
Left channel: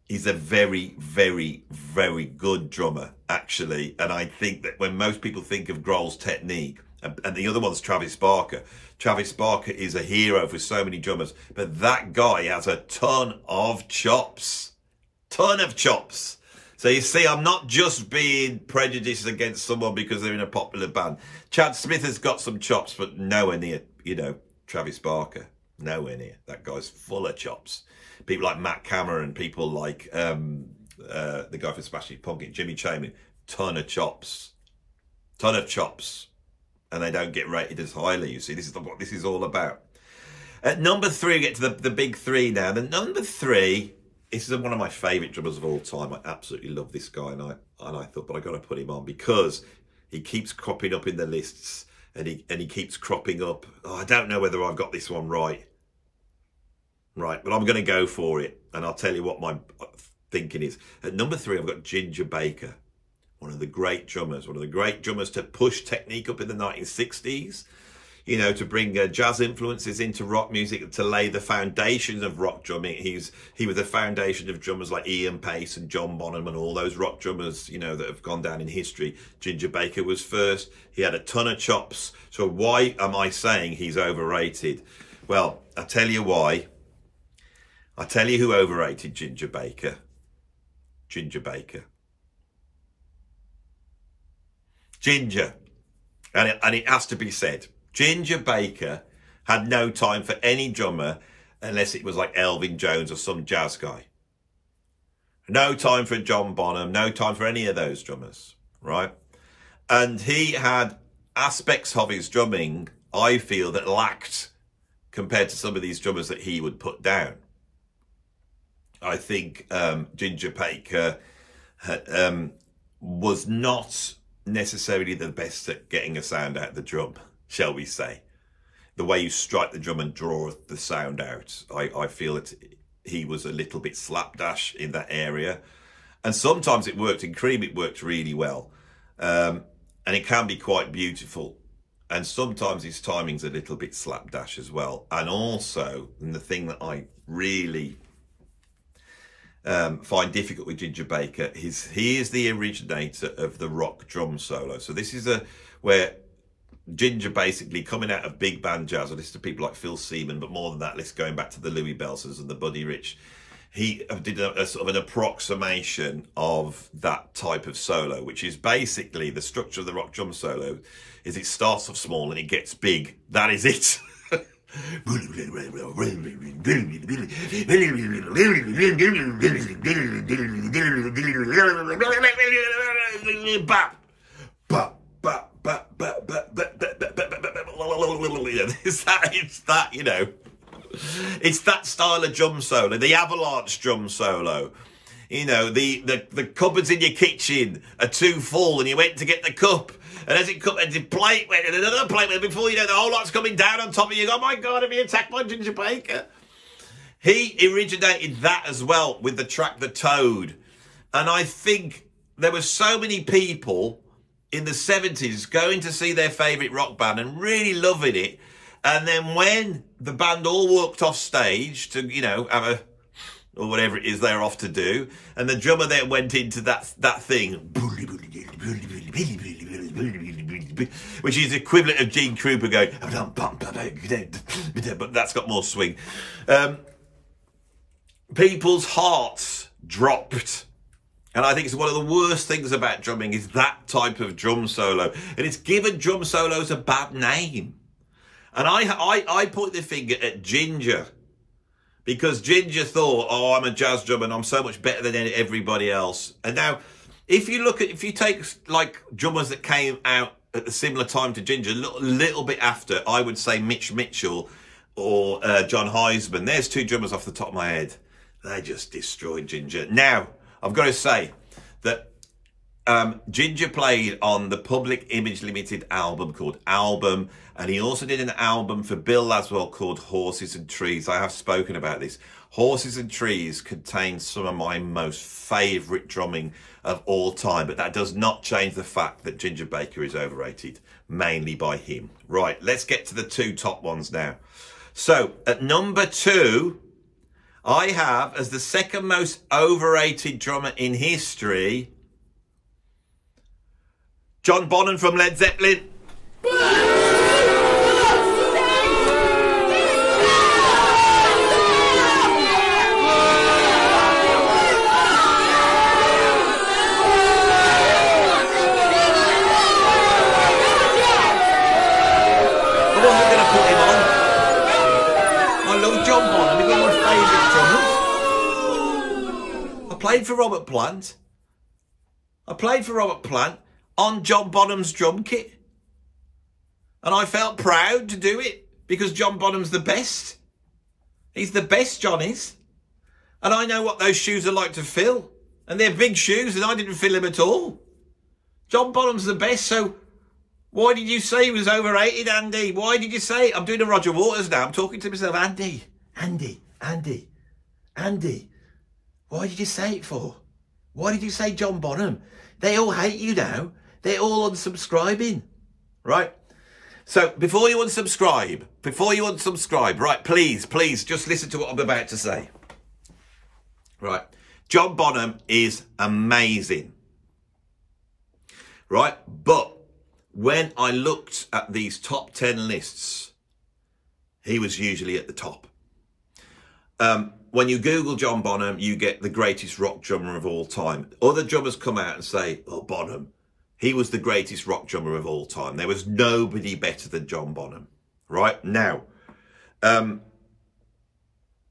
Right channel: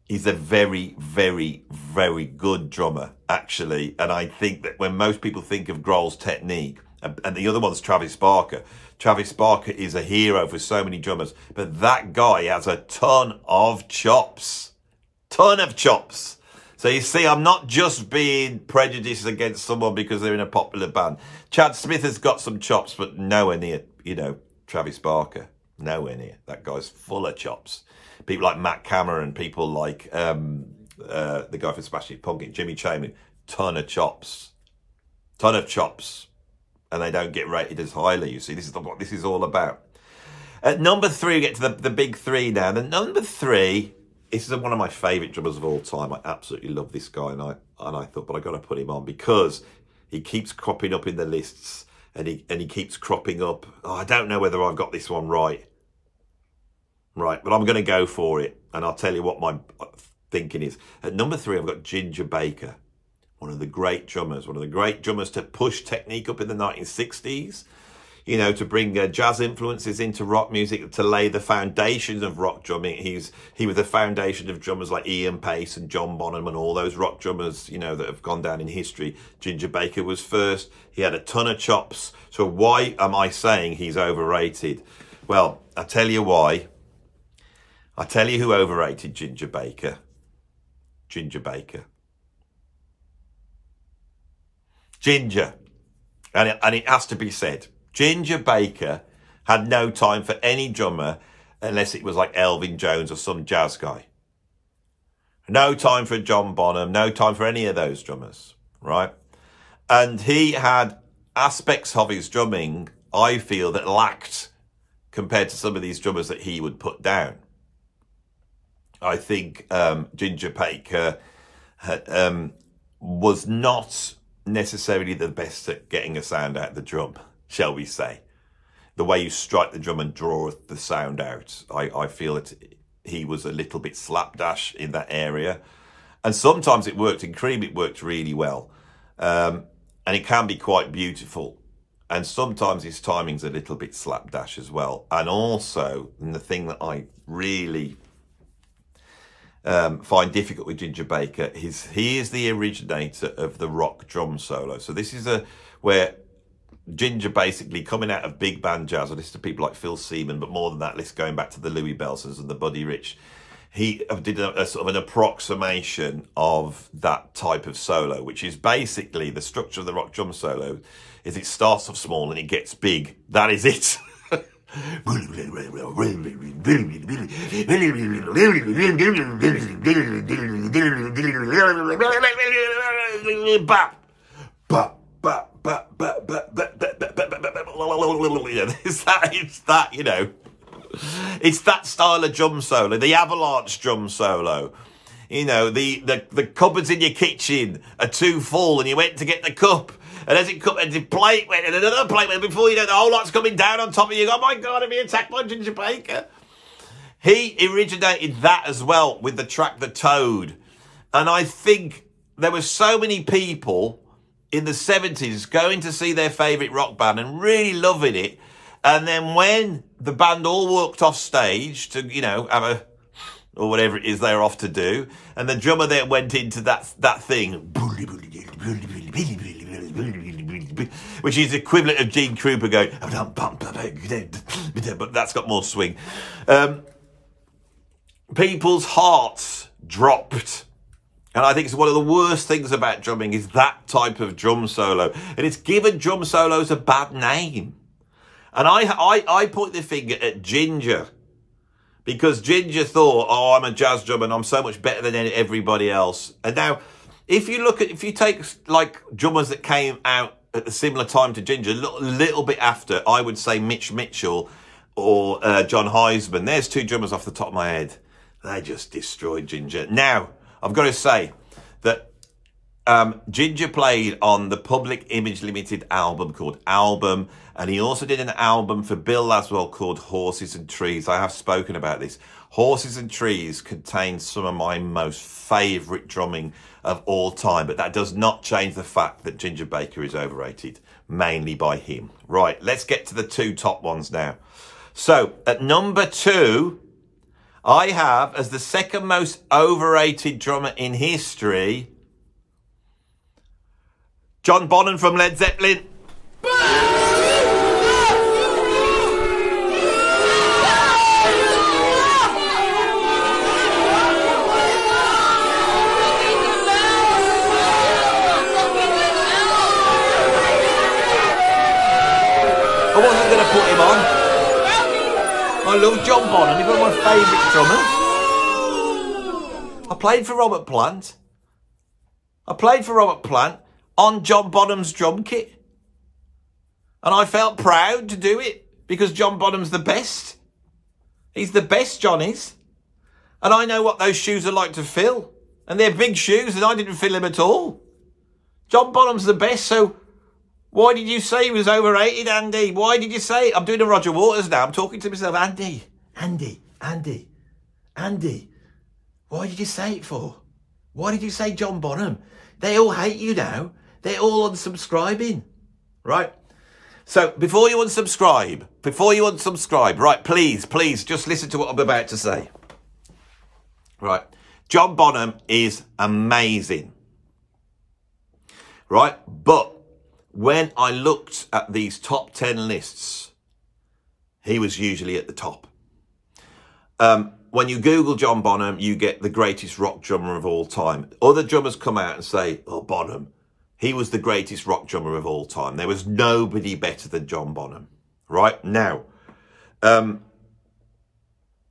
is a very, very, very good drummer, actually. And I think that when most people think of Grohl's technique, and the other one's Travis Barker. Travis Barker is a hero for so many drummers, but that guy has a ton of chops. Ton of chops. So you see, I'm not just being prejudiced against someone because they're in a popular band. Chad Smith has got some chops, but nowhere near, you know, Travis Barker. Nowhere near. That guy's full of chops. People like Matt Cameron, people like the guy from Smashing Pumpkins, Jimmy Chamberlain, ton of chops. Ton of chops. And they don't get rated as highly, you see. This is what this is all about. At number 3, we get to the big 3 now. The number 3, this is one of my favourite drummers of all time. I absolutely love this guy, and I thought, but I got to put him on because he keeps cropping up in the lists, and he keeps cropping up. Oh, I don't know whether I've got this one right, but I'm going to go for it, and I'll tell you what my thinking is. At number 3, I've got Ginger Baker, one of the great drummers to push technique up in the 1960s. You know, to bring jazz influences into rock music, to lay the foundations of rock drumming. He was the foundation of drummers like Ian Pace and John Bonham and all those rock drummers, you know, that have gone down in history. Ginger Baker was first. He had a ton of chops. So why am I saying he's overrated? Well, I'll tell you why. I'll tell you who overrated Ginger Baker. Ginger Baker. Ginger. And it has to be said. Ginger Baker had no time for any drummer unless it was like Elvin Jones or some jazz guy. No time for John Bonham, no time for any of those drummers, right? And he had aspects of his drumming, I feel, that lacked compared to some of these drummers that he would put down. I think Ginger Baker was not necessarily the best at getting a sound out of the drum, shall we say. The way you strike the drum and draw the sound out, I feel that he was a little bit slapdash in that area. And sometimes it worked. In Cream, it worked really well. And it can be quite beautiful. And sometimes his timing's a little bit slapdash as well. And also, and the thing that I really find difficult with Ginger Baker is he is the originator of the rock drum solo. So this is where Ginger basically coming out of big band jazz, I listen to people like Phil Seaman, but more than that, let's going back to the Louis Bellsons and the Buddy Rich. He did a sort of an approximation of that type of solo, which is basically the structure of the rock drum solo is it starts off small and it gets big. That is it. It's that, you know, it's that style of drum solo, the avalanche drum solo. You know, the cupboards in your kitchen are too full and you went to get the cup. And as it comes, and the plate went, and another plate went, before you know, the whole lot's coming down on top of you. Oh my God, I'm being attacked by Ginger Baker. He originated that as well with the track The Toad. And I think there were so many people in the 70s going to see their favourite rock band and really loving it. And then when the band all walked off stage to, you know, have a, or whatever it is they're off to do, and the drummer then went into that thing, which is the equivalent of Gene Krupa going, but that's got more swing. People's hearts dropped. And I think it's one of the worst things about drumming is that type of drum solo. And it's given drum solos a bad name. And I point the finger at Ginger. Because Ginger thought, oh, I'm a jazz drummer and I'm so much better than everybody else. And now, if you take like drummers that came out at a similar time to Ginger, a little bit after, I would say Mitch Mitchell or John Heisman. There's two drummers off the top of my head. They just destroyed Ginger. Now, I've got to say that Ginger played on the Public Image Limited album called Album. And he also did an album for Bill Laswell called Horses and Trees. I have spoken about this. Horses and Trees contains some of my most favourite drumming of all time. But that does not change the fact that Ginger Baker is overrated, mainly by him. Right, let's get to the two top ones now. So, at number 2, I have, as the second most overrated drummer in history, John Bonham from Led Zeppelin. I love John Bonham. He's one of my favourite drummers. I played for Robert Plant. On John Bonham's drum kit. And I felt proud to do it because John Bonham's the best. He's the best, John is. And I know what those shoes are like to fill. And they're big shoes and I didn't fill them at all. John Bonham's the best, so why did you say he was overrated, Andy? Why did you say it? I'm doing a Roger Waters now. I'm talking to myself. Andy. Why did you say it for? Why did you say John Bonham? They all hate you now. They're all unsubscribing. Right? So, before you unsubscribe, right, please, just listen to what I'm about to say. Right. John Bonham is amazing. Right? But when I looked at these top 10 lists, he was usually at the top. When you Google John Bonham, you get the greatest rock drummer of all time. Other drummers come out and say, oh, Bonham, he was the greatest rock drummer of all time. There was nobody better than John Bonham. Right? Now,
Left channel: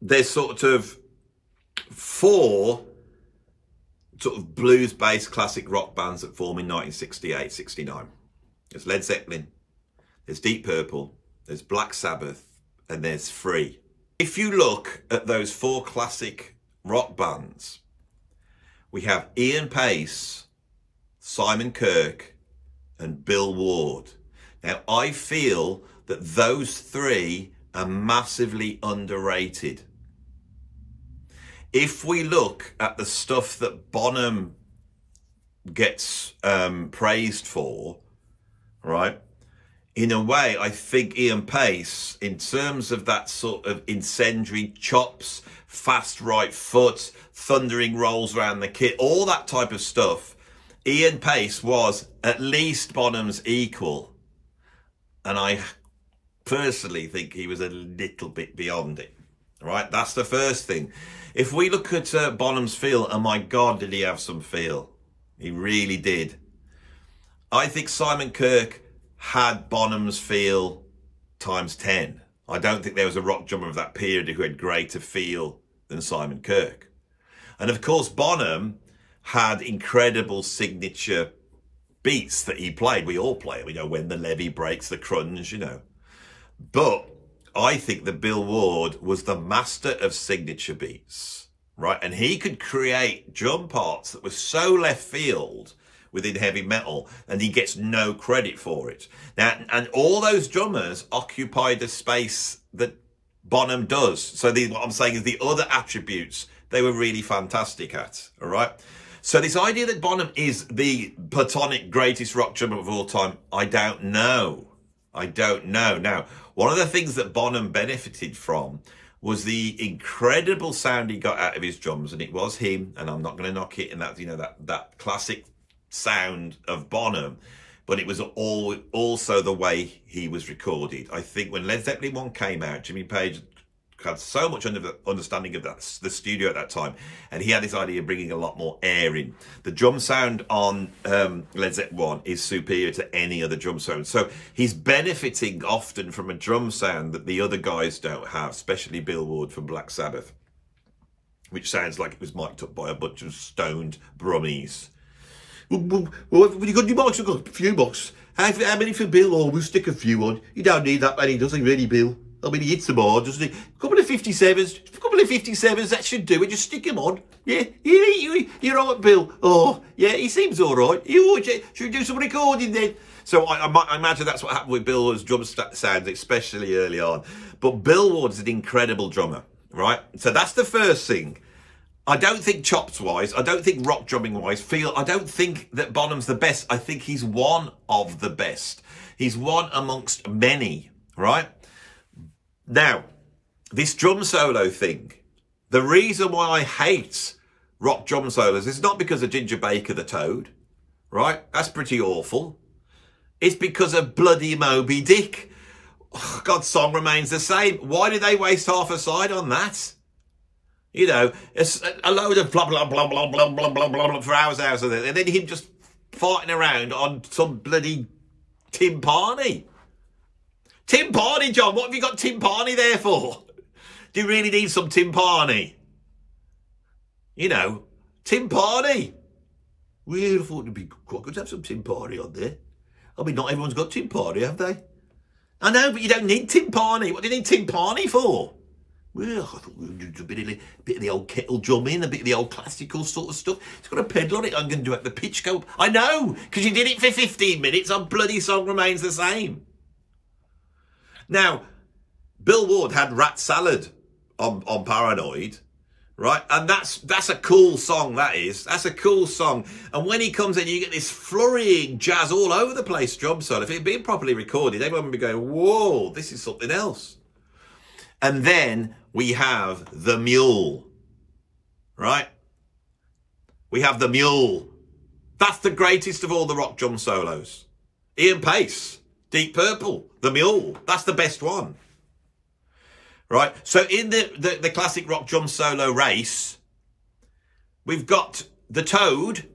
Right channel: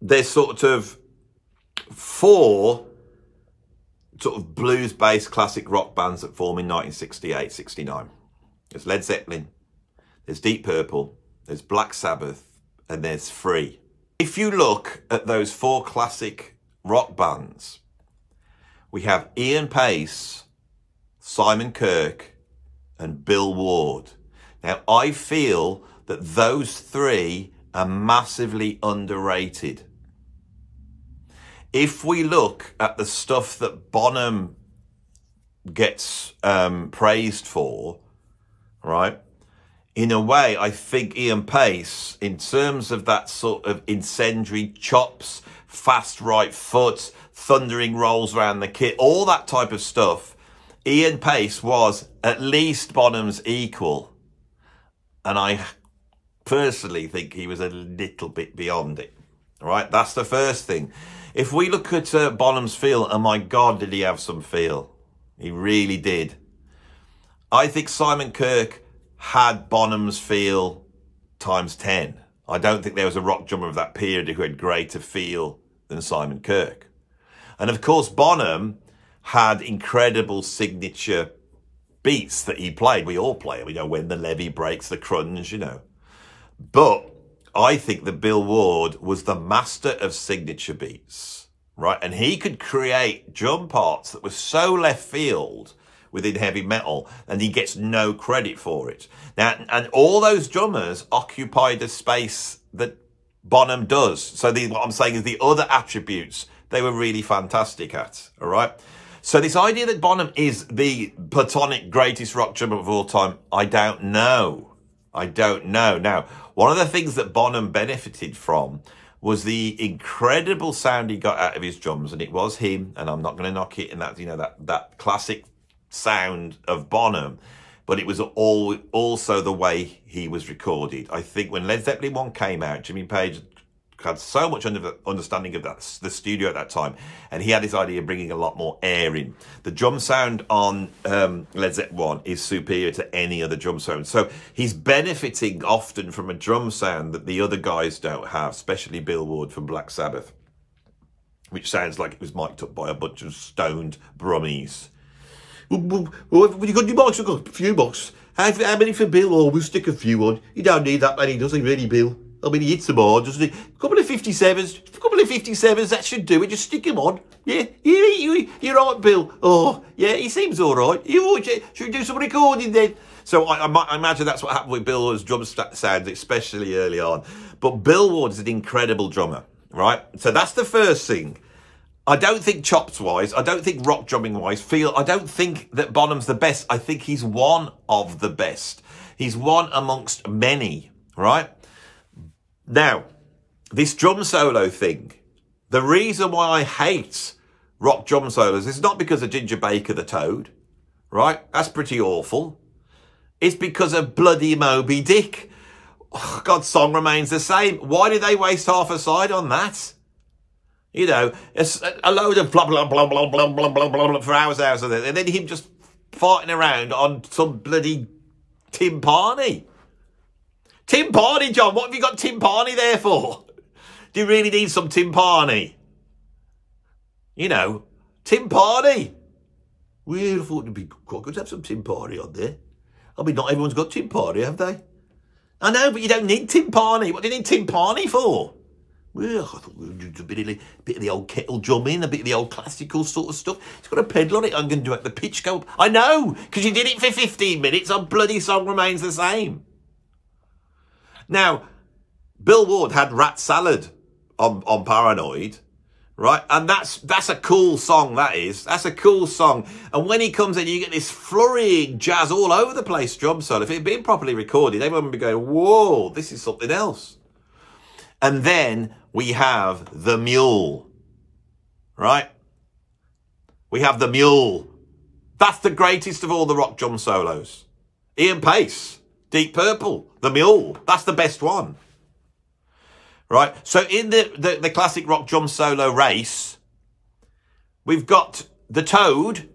there's sort of 4 sort of blues-based classic rock bands that formed in 1968, 69. There's Led Zeppelin, there's Deep Purple, there's Black Sabbath, and there's Free. If you look at those 4 classic rock bands, we have Ian Pace, Simon Kirke, and Bill Ward. Now, I feel that those 3 are massively underrated. If we look at the stuff that Bonham gets praised for, right, in a way, I think Ian Pace, in terms of that sort of incendiary chops, fast right foot, thundering rolls around the kit, all that type of stuff, Ian Pace was at least Bonham's equal. And I personally think he was a little bit beyond it. All right, that's the first thing. If we look at Bonham's feel, oh my God, did he have some feel? He really did. I think Simon Kirke had Bonham's feel times 10. I don't think there was a rock drummer of that period who had greater feel than Simon Kirke. And of course, Bonham had incredible signature beats that he played. We all play them. You know, when the levee breaks, the crunge, you know. But I think that Bill Ward was the master of signature beats, right? And he could create drum parts that were so left field within heavy metal, and he gets no credit for it. Now, and all those drummers occupied a space that Bonham does. So what I'm saying is the other attributes, they were really fantastic at, all right? So this idea that Bonham is the platonic greatest rock drummer of all time, I don't know. I don't know. Now, one of the things that Bonham benefited from was the incredible sound he got out of his drums, and it was him, and I'm not going to knock it, and that's, you know, that classic sound of Bonham, but it was also the way he was recorded. I think when Led Zeppelin 1 came out, Jimmy Page had so much understanding of the studio at that time, and he had this idea of bringing a lot more air in. The drum sound on Led Zeppelin 1 is superior to any other drum sound, so he's benefiting often from a drum sound that the other guys don't have, especially Bill Ward from Black Sabbath, which sounds like it was mic'd up by a bunch of stoned brummies. Well, you got the box? I've got a few boxes. How many for Bill? Oh, we'll stick a few on. You don't need that many, does he, really, Bill? I mean, he hits them hard, doesn't he? A couple of 57s, that should do it. Just stick him on. Yeah, you're right, Bill. Oh, yeah, he seems all right. Should we do some recording then? So I imagine that's what happened with Bill's drum sound, especially early on. But Bill Ward is an incredible drummer, right? So that's the first thing. I don't think chops-wise, I don't think rock drumming-wise, I don't think that Bonham's the best. I think he's one of the best. He's one amongst many, right? Now, this drum solo thing, the reason why I hate rock drum solos is not because of Ginger Baker the Toad, right? That's pretty awful. It's because of bloody Moby Dick. Oh, God's song remains the same. Why did they waste half a side on that? You know, it's a load of blah, blah, blah, blah, blah, blah, blah, blah, blah for hours, and then him just farting around on some bloody timpani. Timpani, John, what have you got timpani there for? Do you really need some timpani? You know, timpani. Well, I thought it'd be quite good to have some timpani on there. I mean, not everyone's got timpani, have they? I know, but you don't need timpani. What do you need timpani for? Well, I thought we would do a bit of the old kettle drumming, a bit of the old classical sort of stuff. It's got a pedal on it. I'm going to make the pitch go up. I know, because you did it for 15 minutes. Our bloody song remains the same. Now, Bill Ward had Rat Salad on Paranoid, right? And that's a cool song, that is. That's a cool song. And when he comes in, you get this flurrying jazz all over the place drum solo. If it had been properly recorded, everyone would be going, whoa, this is something else. And then we have the mule, right? We have the mule. That's the greatest of all the rock drum solos. Ian Pace, Deep Purple, the mule. That's the best one, right? So in the classic rock drum solo race, we've got the toad,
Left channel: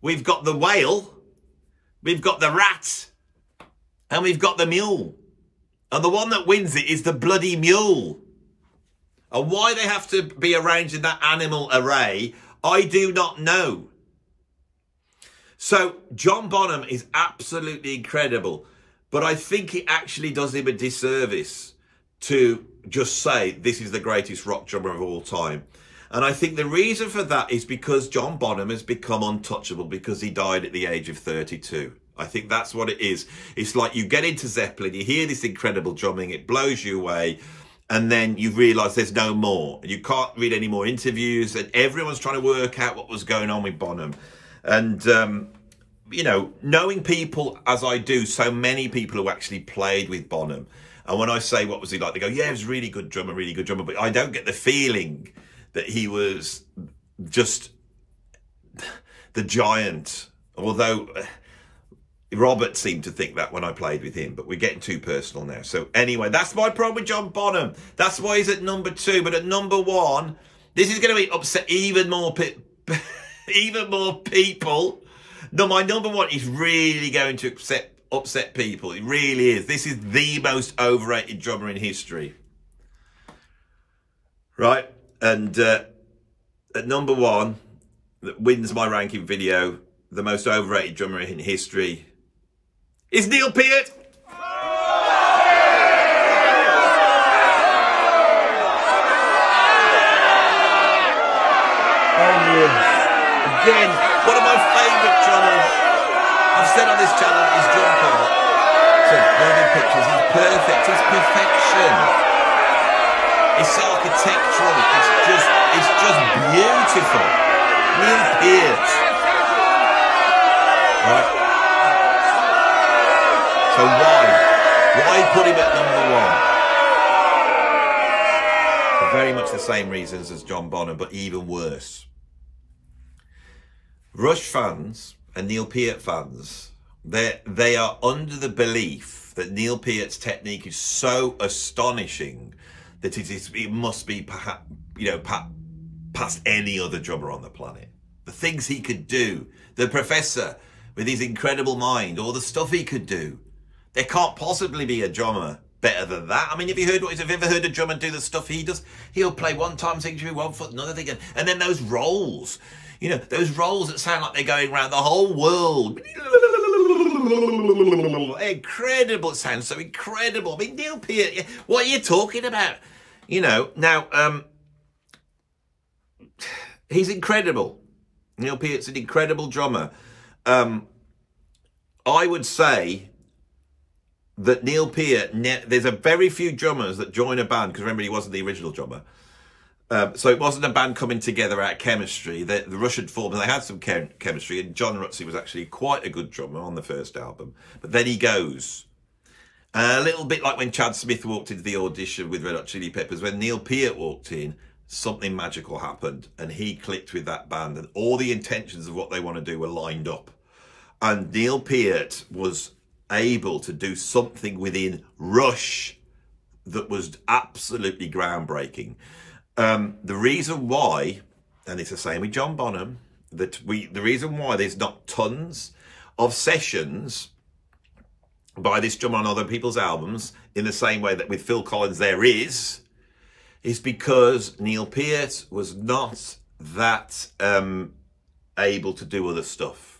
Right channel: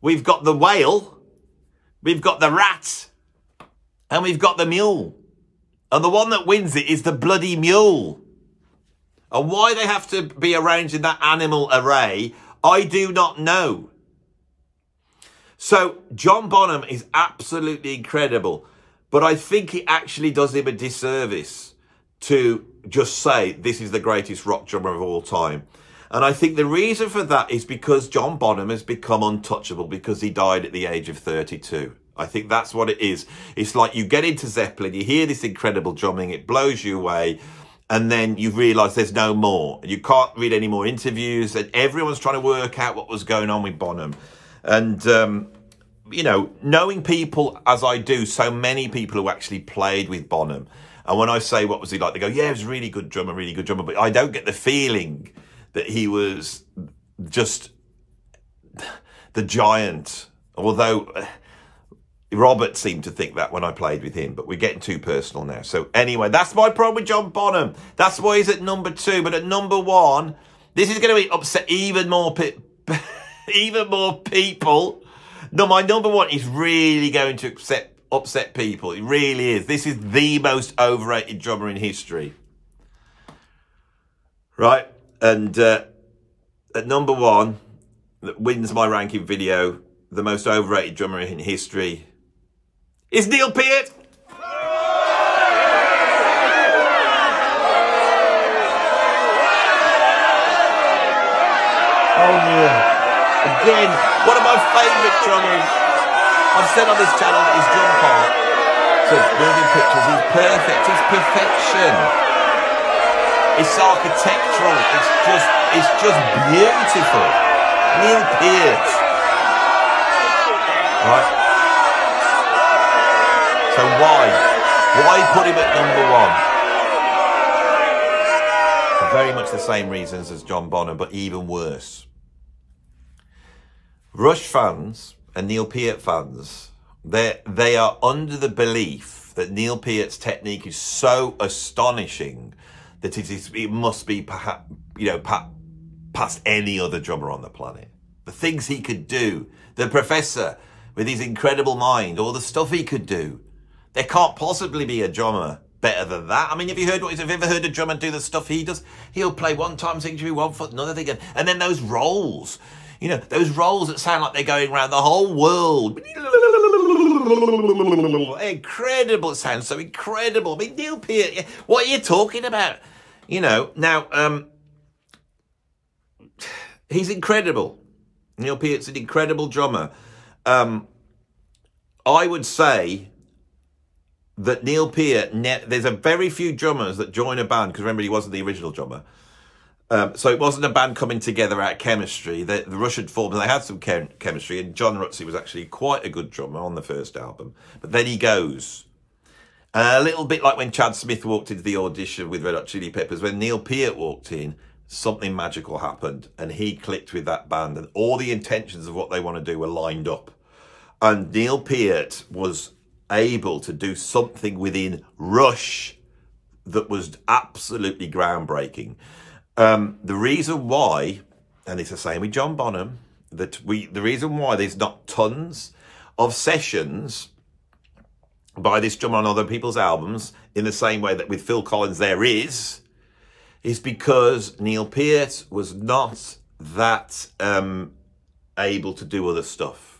we've got the whale, we've got the rat, and we've got the mule. And the one that wins it is the bloody mule. And why they have to be arranged in that animal array, I do not know. So John Bonham is absolutely incredible. But I think it actually does him a disservice to just say this is the greatest rock drummer of all time. And I think the reason for that is because John Bonham has become untouchable because he died at the age of 32. I think that's what it is. It's like you get into Zeppelin, you hear this incredible drumming, it blows you away, and then you realise there's no more. You can't read any more interviews, and everyone's trying to work out what was going on with Bonham. And, you know, knowing people as I do, so many people who actually played with Bonham, and when I say what was he like, they go, yeah, he was a really good drummer, but I don't get the feeling that he was just the giant, although Robert seemed to think that when I played with him, but we're getting too personal now. So anyway, that's my problem with John Bonham. That's why he's at number 2. But at number 1, this is going to be upset even more people. No, my number 1 is really going to upset people. It really is. This is the most overrated drummer in history. Right? And at number 1, that wins my ranking video, the most overrated drummer in history, is Neil Peart. Oh yeah. Again, one of my favourite drummers. I've said on this channel that his drum part to Moving Pictures is perfect. It's perfection. It's architectural. It's just beautiful. Neil Peart. Right? So why put him at number 1? For very much the same reasons as John Bonham, but even worse. Rush fans and Neil Peart fans, they are under the belief that Neil Peart's technique is so astonishing that it must be perhaps, you know, past any other drummer on the planet. The things he could do, the Professor with his incredible mind, or the stuff he could do. There can't possibly be a drummer better than that. I mean, have you ever heard a drummer do the stuff he does? He'll play one time thing through 1 foot, another thing, and then those rolls. You know, those rolls that sound like they're going around the whole world. Incredible. It sounds so incredible. I mean, Neil Peart, what are you talking about? You know, now, he's incredible. Neil Peart's an incredible drummer. I would say that Neil Peart, there's a very few drummers that join a band, because remember, he wasn't the original drummer. So it wasn't a band coming together out of chemistry. The Rush had formed and they had some chemistry, and John Rutsey was actually quite a good drummer on the first album. But then he goes. A little bit like when Chad Smith walked into the audition with Red Hot Chili Peppers, when Neil Peart walked in, something magical happened and he clicked with that band, and all the intentions of what they want to do were lined up. And Neil Peart was able to do something within Rush that was absolutely groundbreaking. The reason why, and it's the same with John Bonham, the reason why there's not tons of sessions by this drummer on other people's albums in the same way that with Phil Collins there is is because Neil Peart was not that able to do other stuff.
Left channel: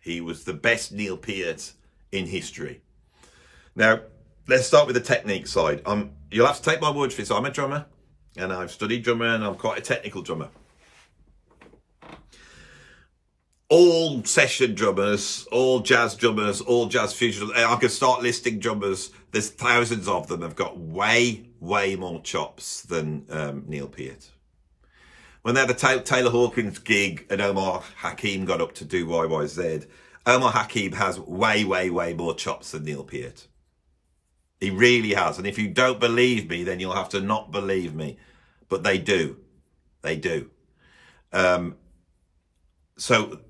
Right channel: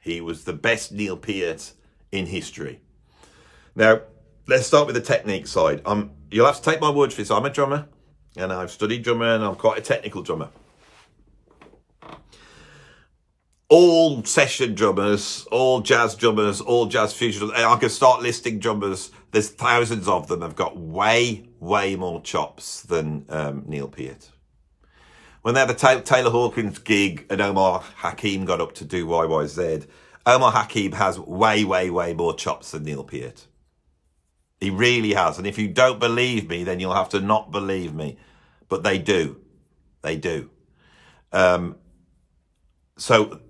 He was the best Neil Peart in history. Now, let's start with the technique side. You'll have to take my word for this. I'm a drummer, and I've studied drummer, and I'm quite a technical drummer. All session drummers, all jazz drummers, all jazz fusion drummers, I could start listing drummers. There's thousands of them have got way more chops than Neil Peart. When they had the Taylor Hawkins gig and Omar Hakim got up to do YYZ, Omar Hakim has way more chops than Neil Peart. He really has. And if you don't believe me, then you'll have to not believe me. But they do. They do. So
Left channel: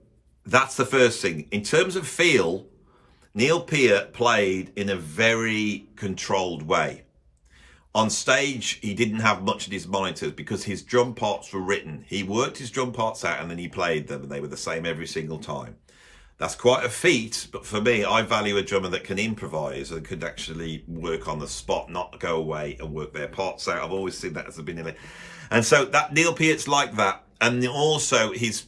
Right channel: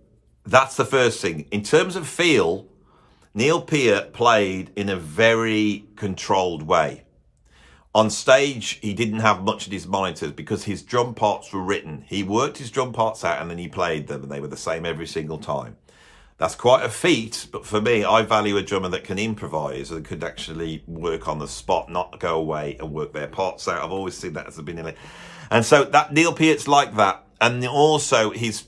that's the first thing. In terms of feel, Neil Peart played in a very controlled way. On stage, he didn't have much in his monitors because his drum parts were written. He worked his drum parts out and then he played them, and they were the same every single time. That's quite a feat, but for me, I value a drummer that can improvise and could actually work on the spot, not go away and work their parts out. I've always seen that as a beginning. And so that Neil Peart's like that. And also his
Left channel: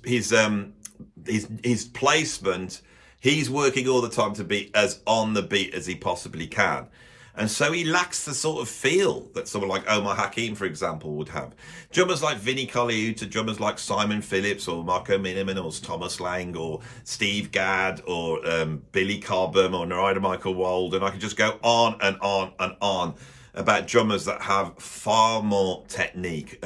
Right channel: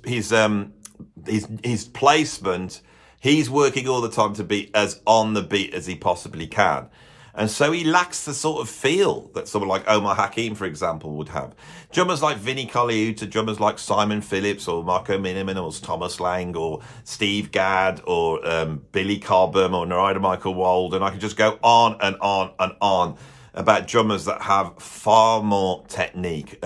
placement, he's working all the time to be as on the beat as he possibly can. And so he lacks the sort of feel that someone like Omar Hakim, for example, would have. Drummers like Vinnie Colaiuta, drummers like Simon Phillips or Marco Miniman or Thomas Lang or Steve Gadd or Billy Cobham or Narada Michael Walden, and I could just go on and on and on about drummers that have far more technique.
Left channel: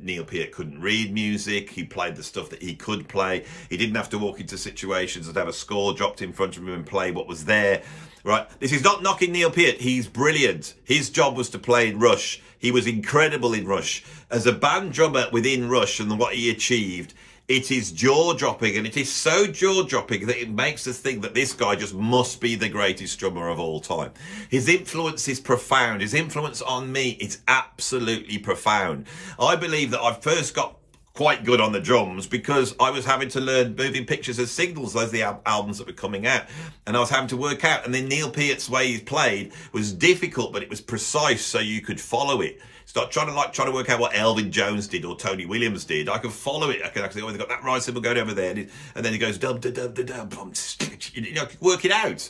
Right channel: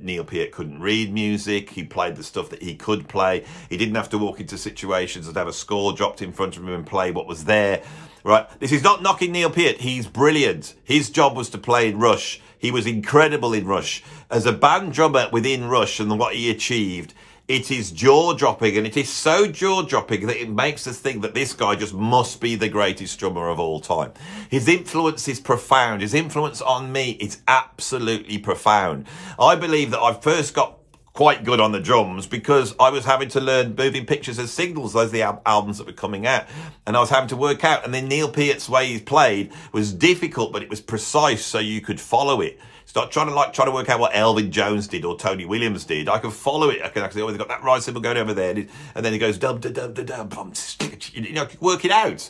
Neil Peart couldn't read music. He played the stuff that he could play. He didn't have to walk into situations and have a score dropped in front of him and play what was there. Right, this is not knocking Neil Peart. He's brilliant. His job was to play in Rush. He was incredible in Rush. As a band drummer within Rush and what he achieved, it is jaw-dropping, and it is so jaw-dropping that it makes us think that this guy just must be the greatest drummer of all time. His influence is profound. His influence on me is absolutely profound. I believe that I first got quite good on the drums because I was having to learn moving pictures as signals. Those are the albums that were coming out, and I was having to work out. And then Neil Peart's way he played was difficult, but it was precise, so you could follow it. Start trying to work out what Elvin Jones did or Tony Williams did. I could follow it. I can actually always got that right cymbal going over there, and then he goes dum dum dum dum dum. You know, work it out.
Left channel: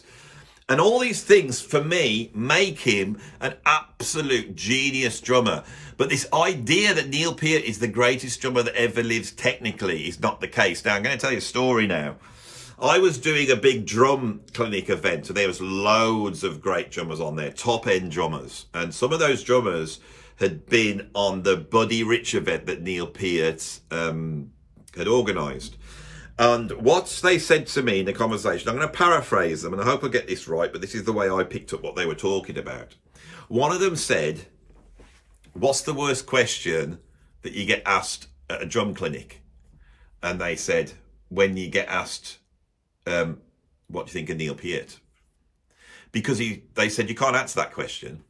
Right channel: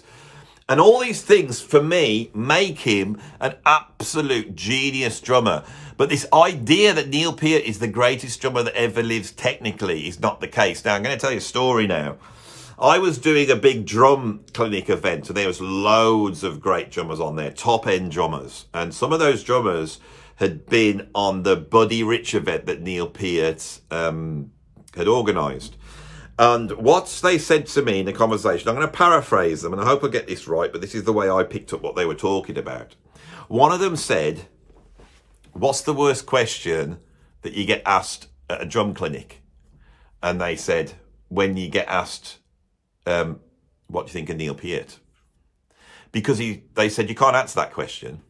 And all these things, for me, make him an absolute genius drummer. But this idea that Neil Peart is the greatest drummer that ever lives technically is not the case. Now, I'm going to tell you a story now. I was doing a big drum clinic event, and there was loads of great drummers on there, top-end drummers. And some of those drummers had been on the Buddy Rich event that Neil Peart had organised. And what they said to me in the conversation, I'm going to paraphrase them, and I hope I get this right, but this is the way I picked up what they were talking about. One of them said, "What's the worst question that you get asked at a drum clinic?" And they said, when you get asked, what do you think of Neil Peart? Because they said, you can't answer that question.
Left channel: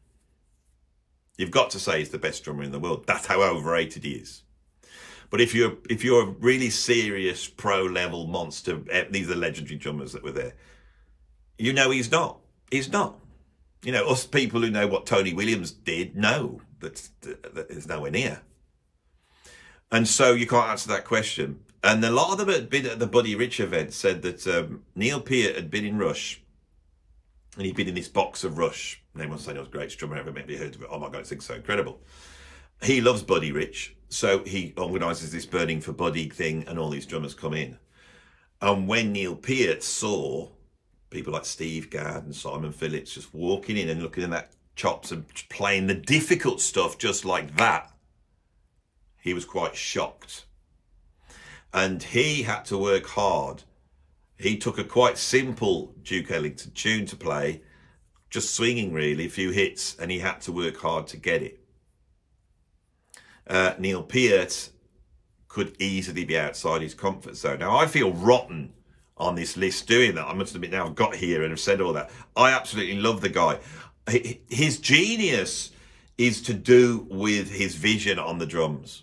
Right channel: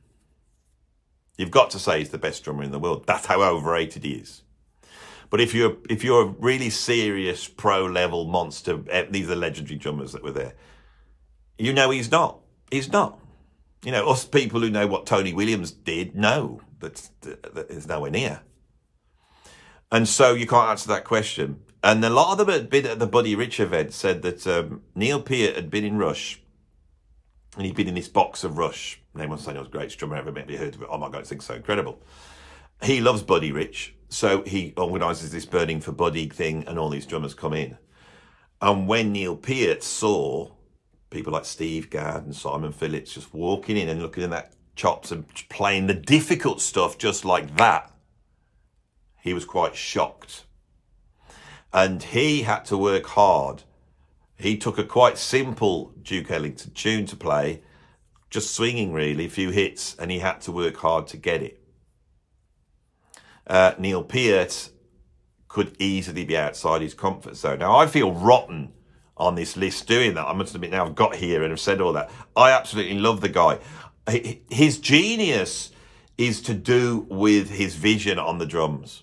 You've got to say he's the best drummer in the world. That's how overrated he is. But if you're a really serious pro-level monster, these are legendary drummers that were there, you know he's not. He's not. You know, us people who know what Tony Williams did know that is nowhere near. And so you can't answer that question. And a lot of them had been at the Buddy Rich event said that Neil Peart had been in Rush, and he'd been in this box of Rush. And everyone's saying, "Oh, the greatest drummer ever." Maybe heard of it. Oh my God, this thing's so incredible. He loves Buddy Rich, so he organises this Burning for Buddy thing, and all these drummers come in. And when Neil Peart saw people like Steve Gadd and Simon Phillips just walking in and looking at that chops and playing the difficult stuff just like that, he was quite shocked. And he had to work hard. He took a quite simple Duke Ellington tune to play, just swinging really, a few hits, and he had to work hard to get it. Neil Peart could easily be outside his comfort zone. Now, I feel rotten on this list doing that. I must admit, now I've got here and I've said all that. I absolutely love the guy. His genius is to do with his vision on the drums.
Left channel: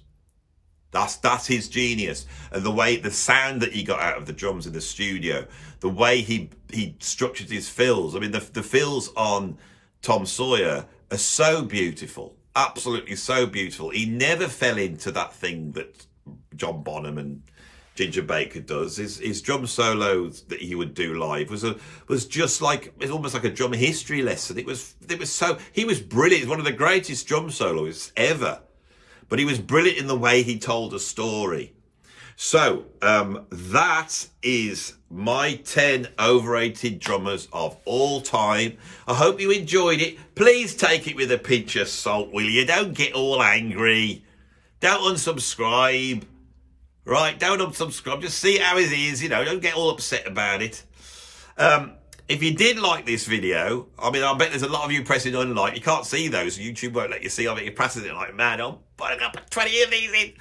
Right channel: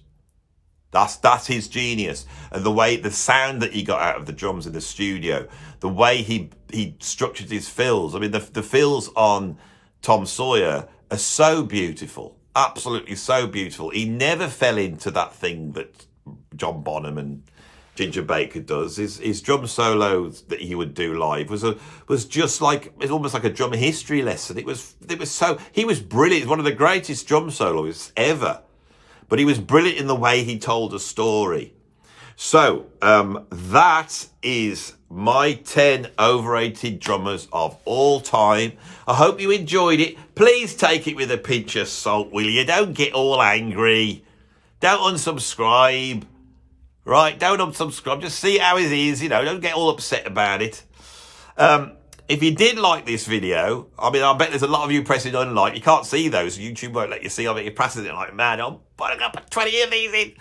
That's his genius. And the sound that he got out of the drums in the studio, the way he structured his fills. I mean, the fills on Tom Sawyer are so beautiful. absolutely so beautiful. He never fell into that thing that John Bonham and Ginger Baker does. His drum solos that he would do live was just like, it was almost like a drum history lesson. He was brilliant. He's one of the greatest drum soloists ever, but he was brilliant in the way he told a story. So that is my 10 overrated drummers of all time. I hope you enjoyed it. Please take it with a pinch of salt, will you? Don't get all angry. Don't unsubscribe. Right, don't unsubscribe. Just see how it is, you know. Don't get all upset about it. If you did like this video, I mean, I bet there's a lot of you pressing unlike. You can't see those. YouTube won't let you see. I bet you're pressing it like mad. I'm putting up 20 of these in.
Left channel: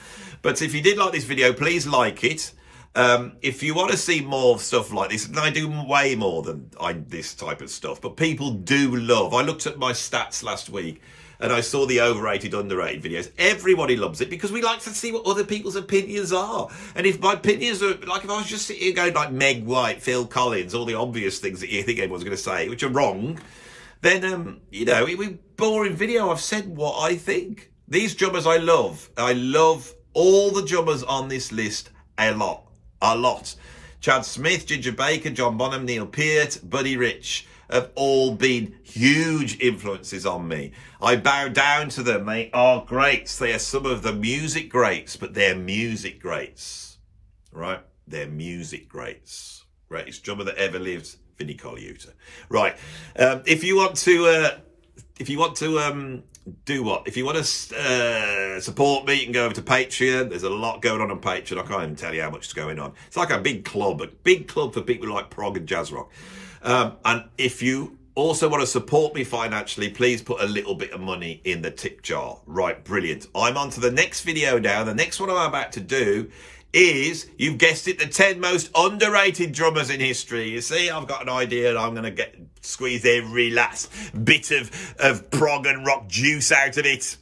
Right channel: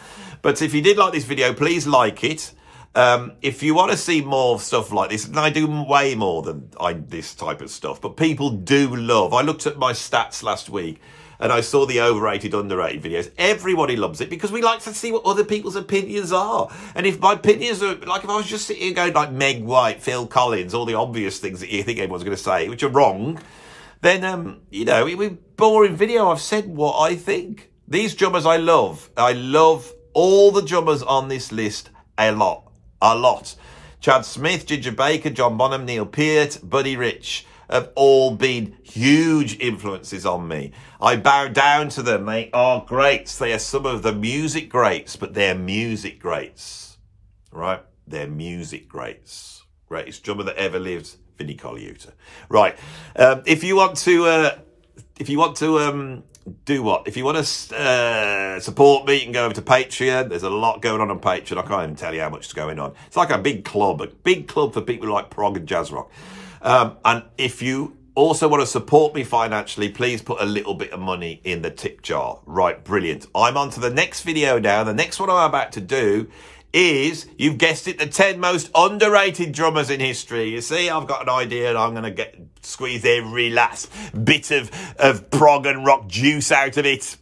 But if you did like this video, please like it. If you want to see more stuff like this, and I do way more than this type of stuff, but people do love. I looked at my stats last week, and I saw the overrated, underrated videos. Everybody loves it because we like to see what other people's opinions are. And if my opinions are, like if I was just sitting here going like Meg White, Phil Collins, all the obvious things that you think everyone's going to say, which are wrong, then, you know, it would be a boring video. I've said what I think. These drummers I love. I love all the drummers on this list a lot. A lot. Chad Smith, Ginger Baker, John Bonham, Neil Peart, Buddy Rich have all been huge influences on me. I bow down to them. They are greats. They are some of the music greats, but they're music greats, right? They're music greats. Greatest drummer that ever lived, Vinnie Colaiuta. Right. If you want to do what? If you want to support me, you can go over to Patreon. There's a lot going on Patreon. I can't even tell you how much is going on. It's like a big club for people who like prog and jazz rock. And if you also want to support me financially, please put a little bit of money in the tip jar. Right, brilliant. I'm on to the next video now. The next one I'm about to do is, you've guessed it, the 10 most underrated drummers in history. You see, I've got an idea and I'm going to squeeze every last bit of prog and rock juice out of it.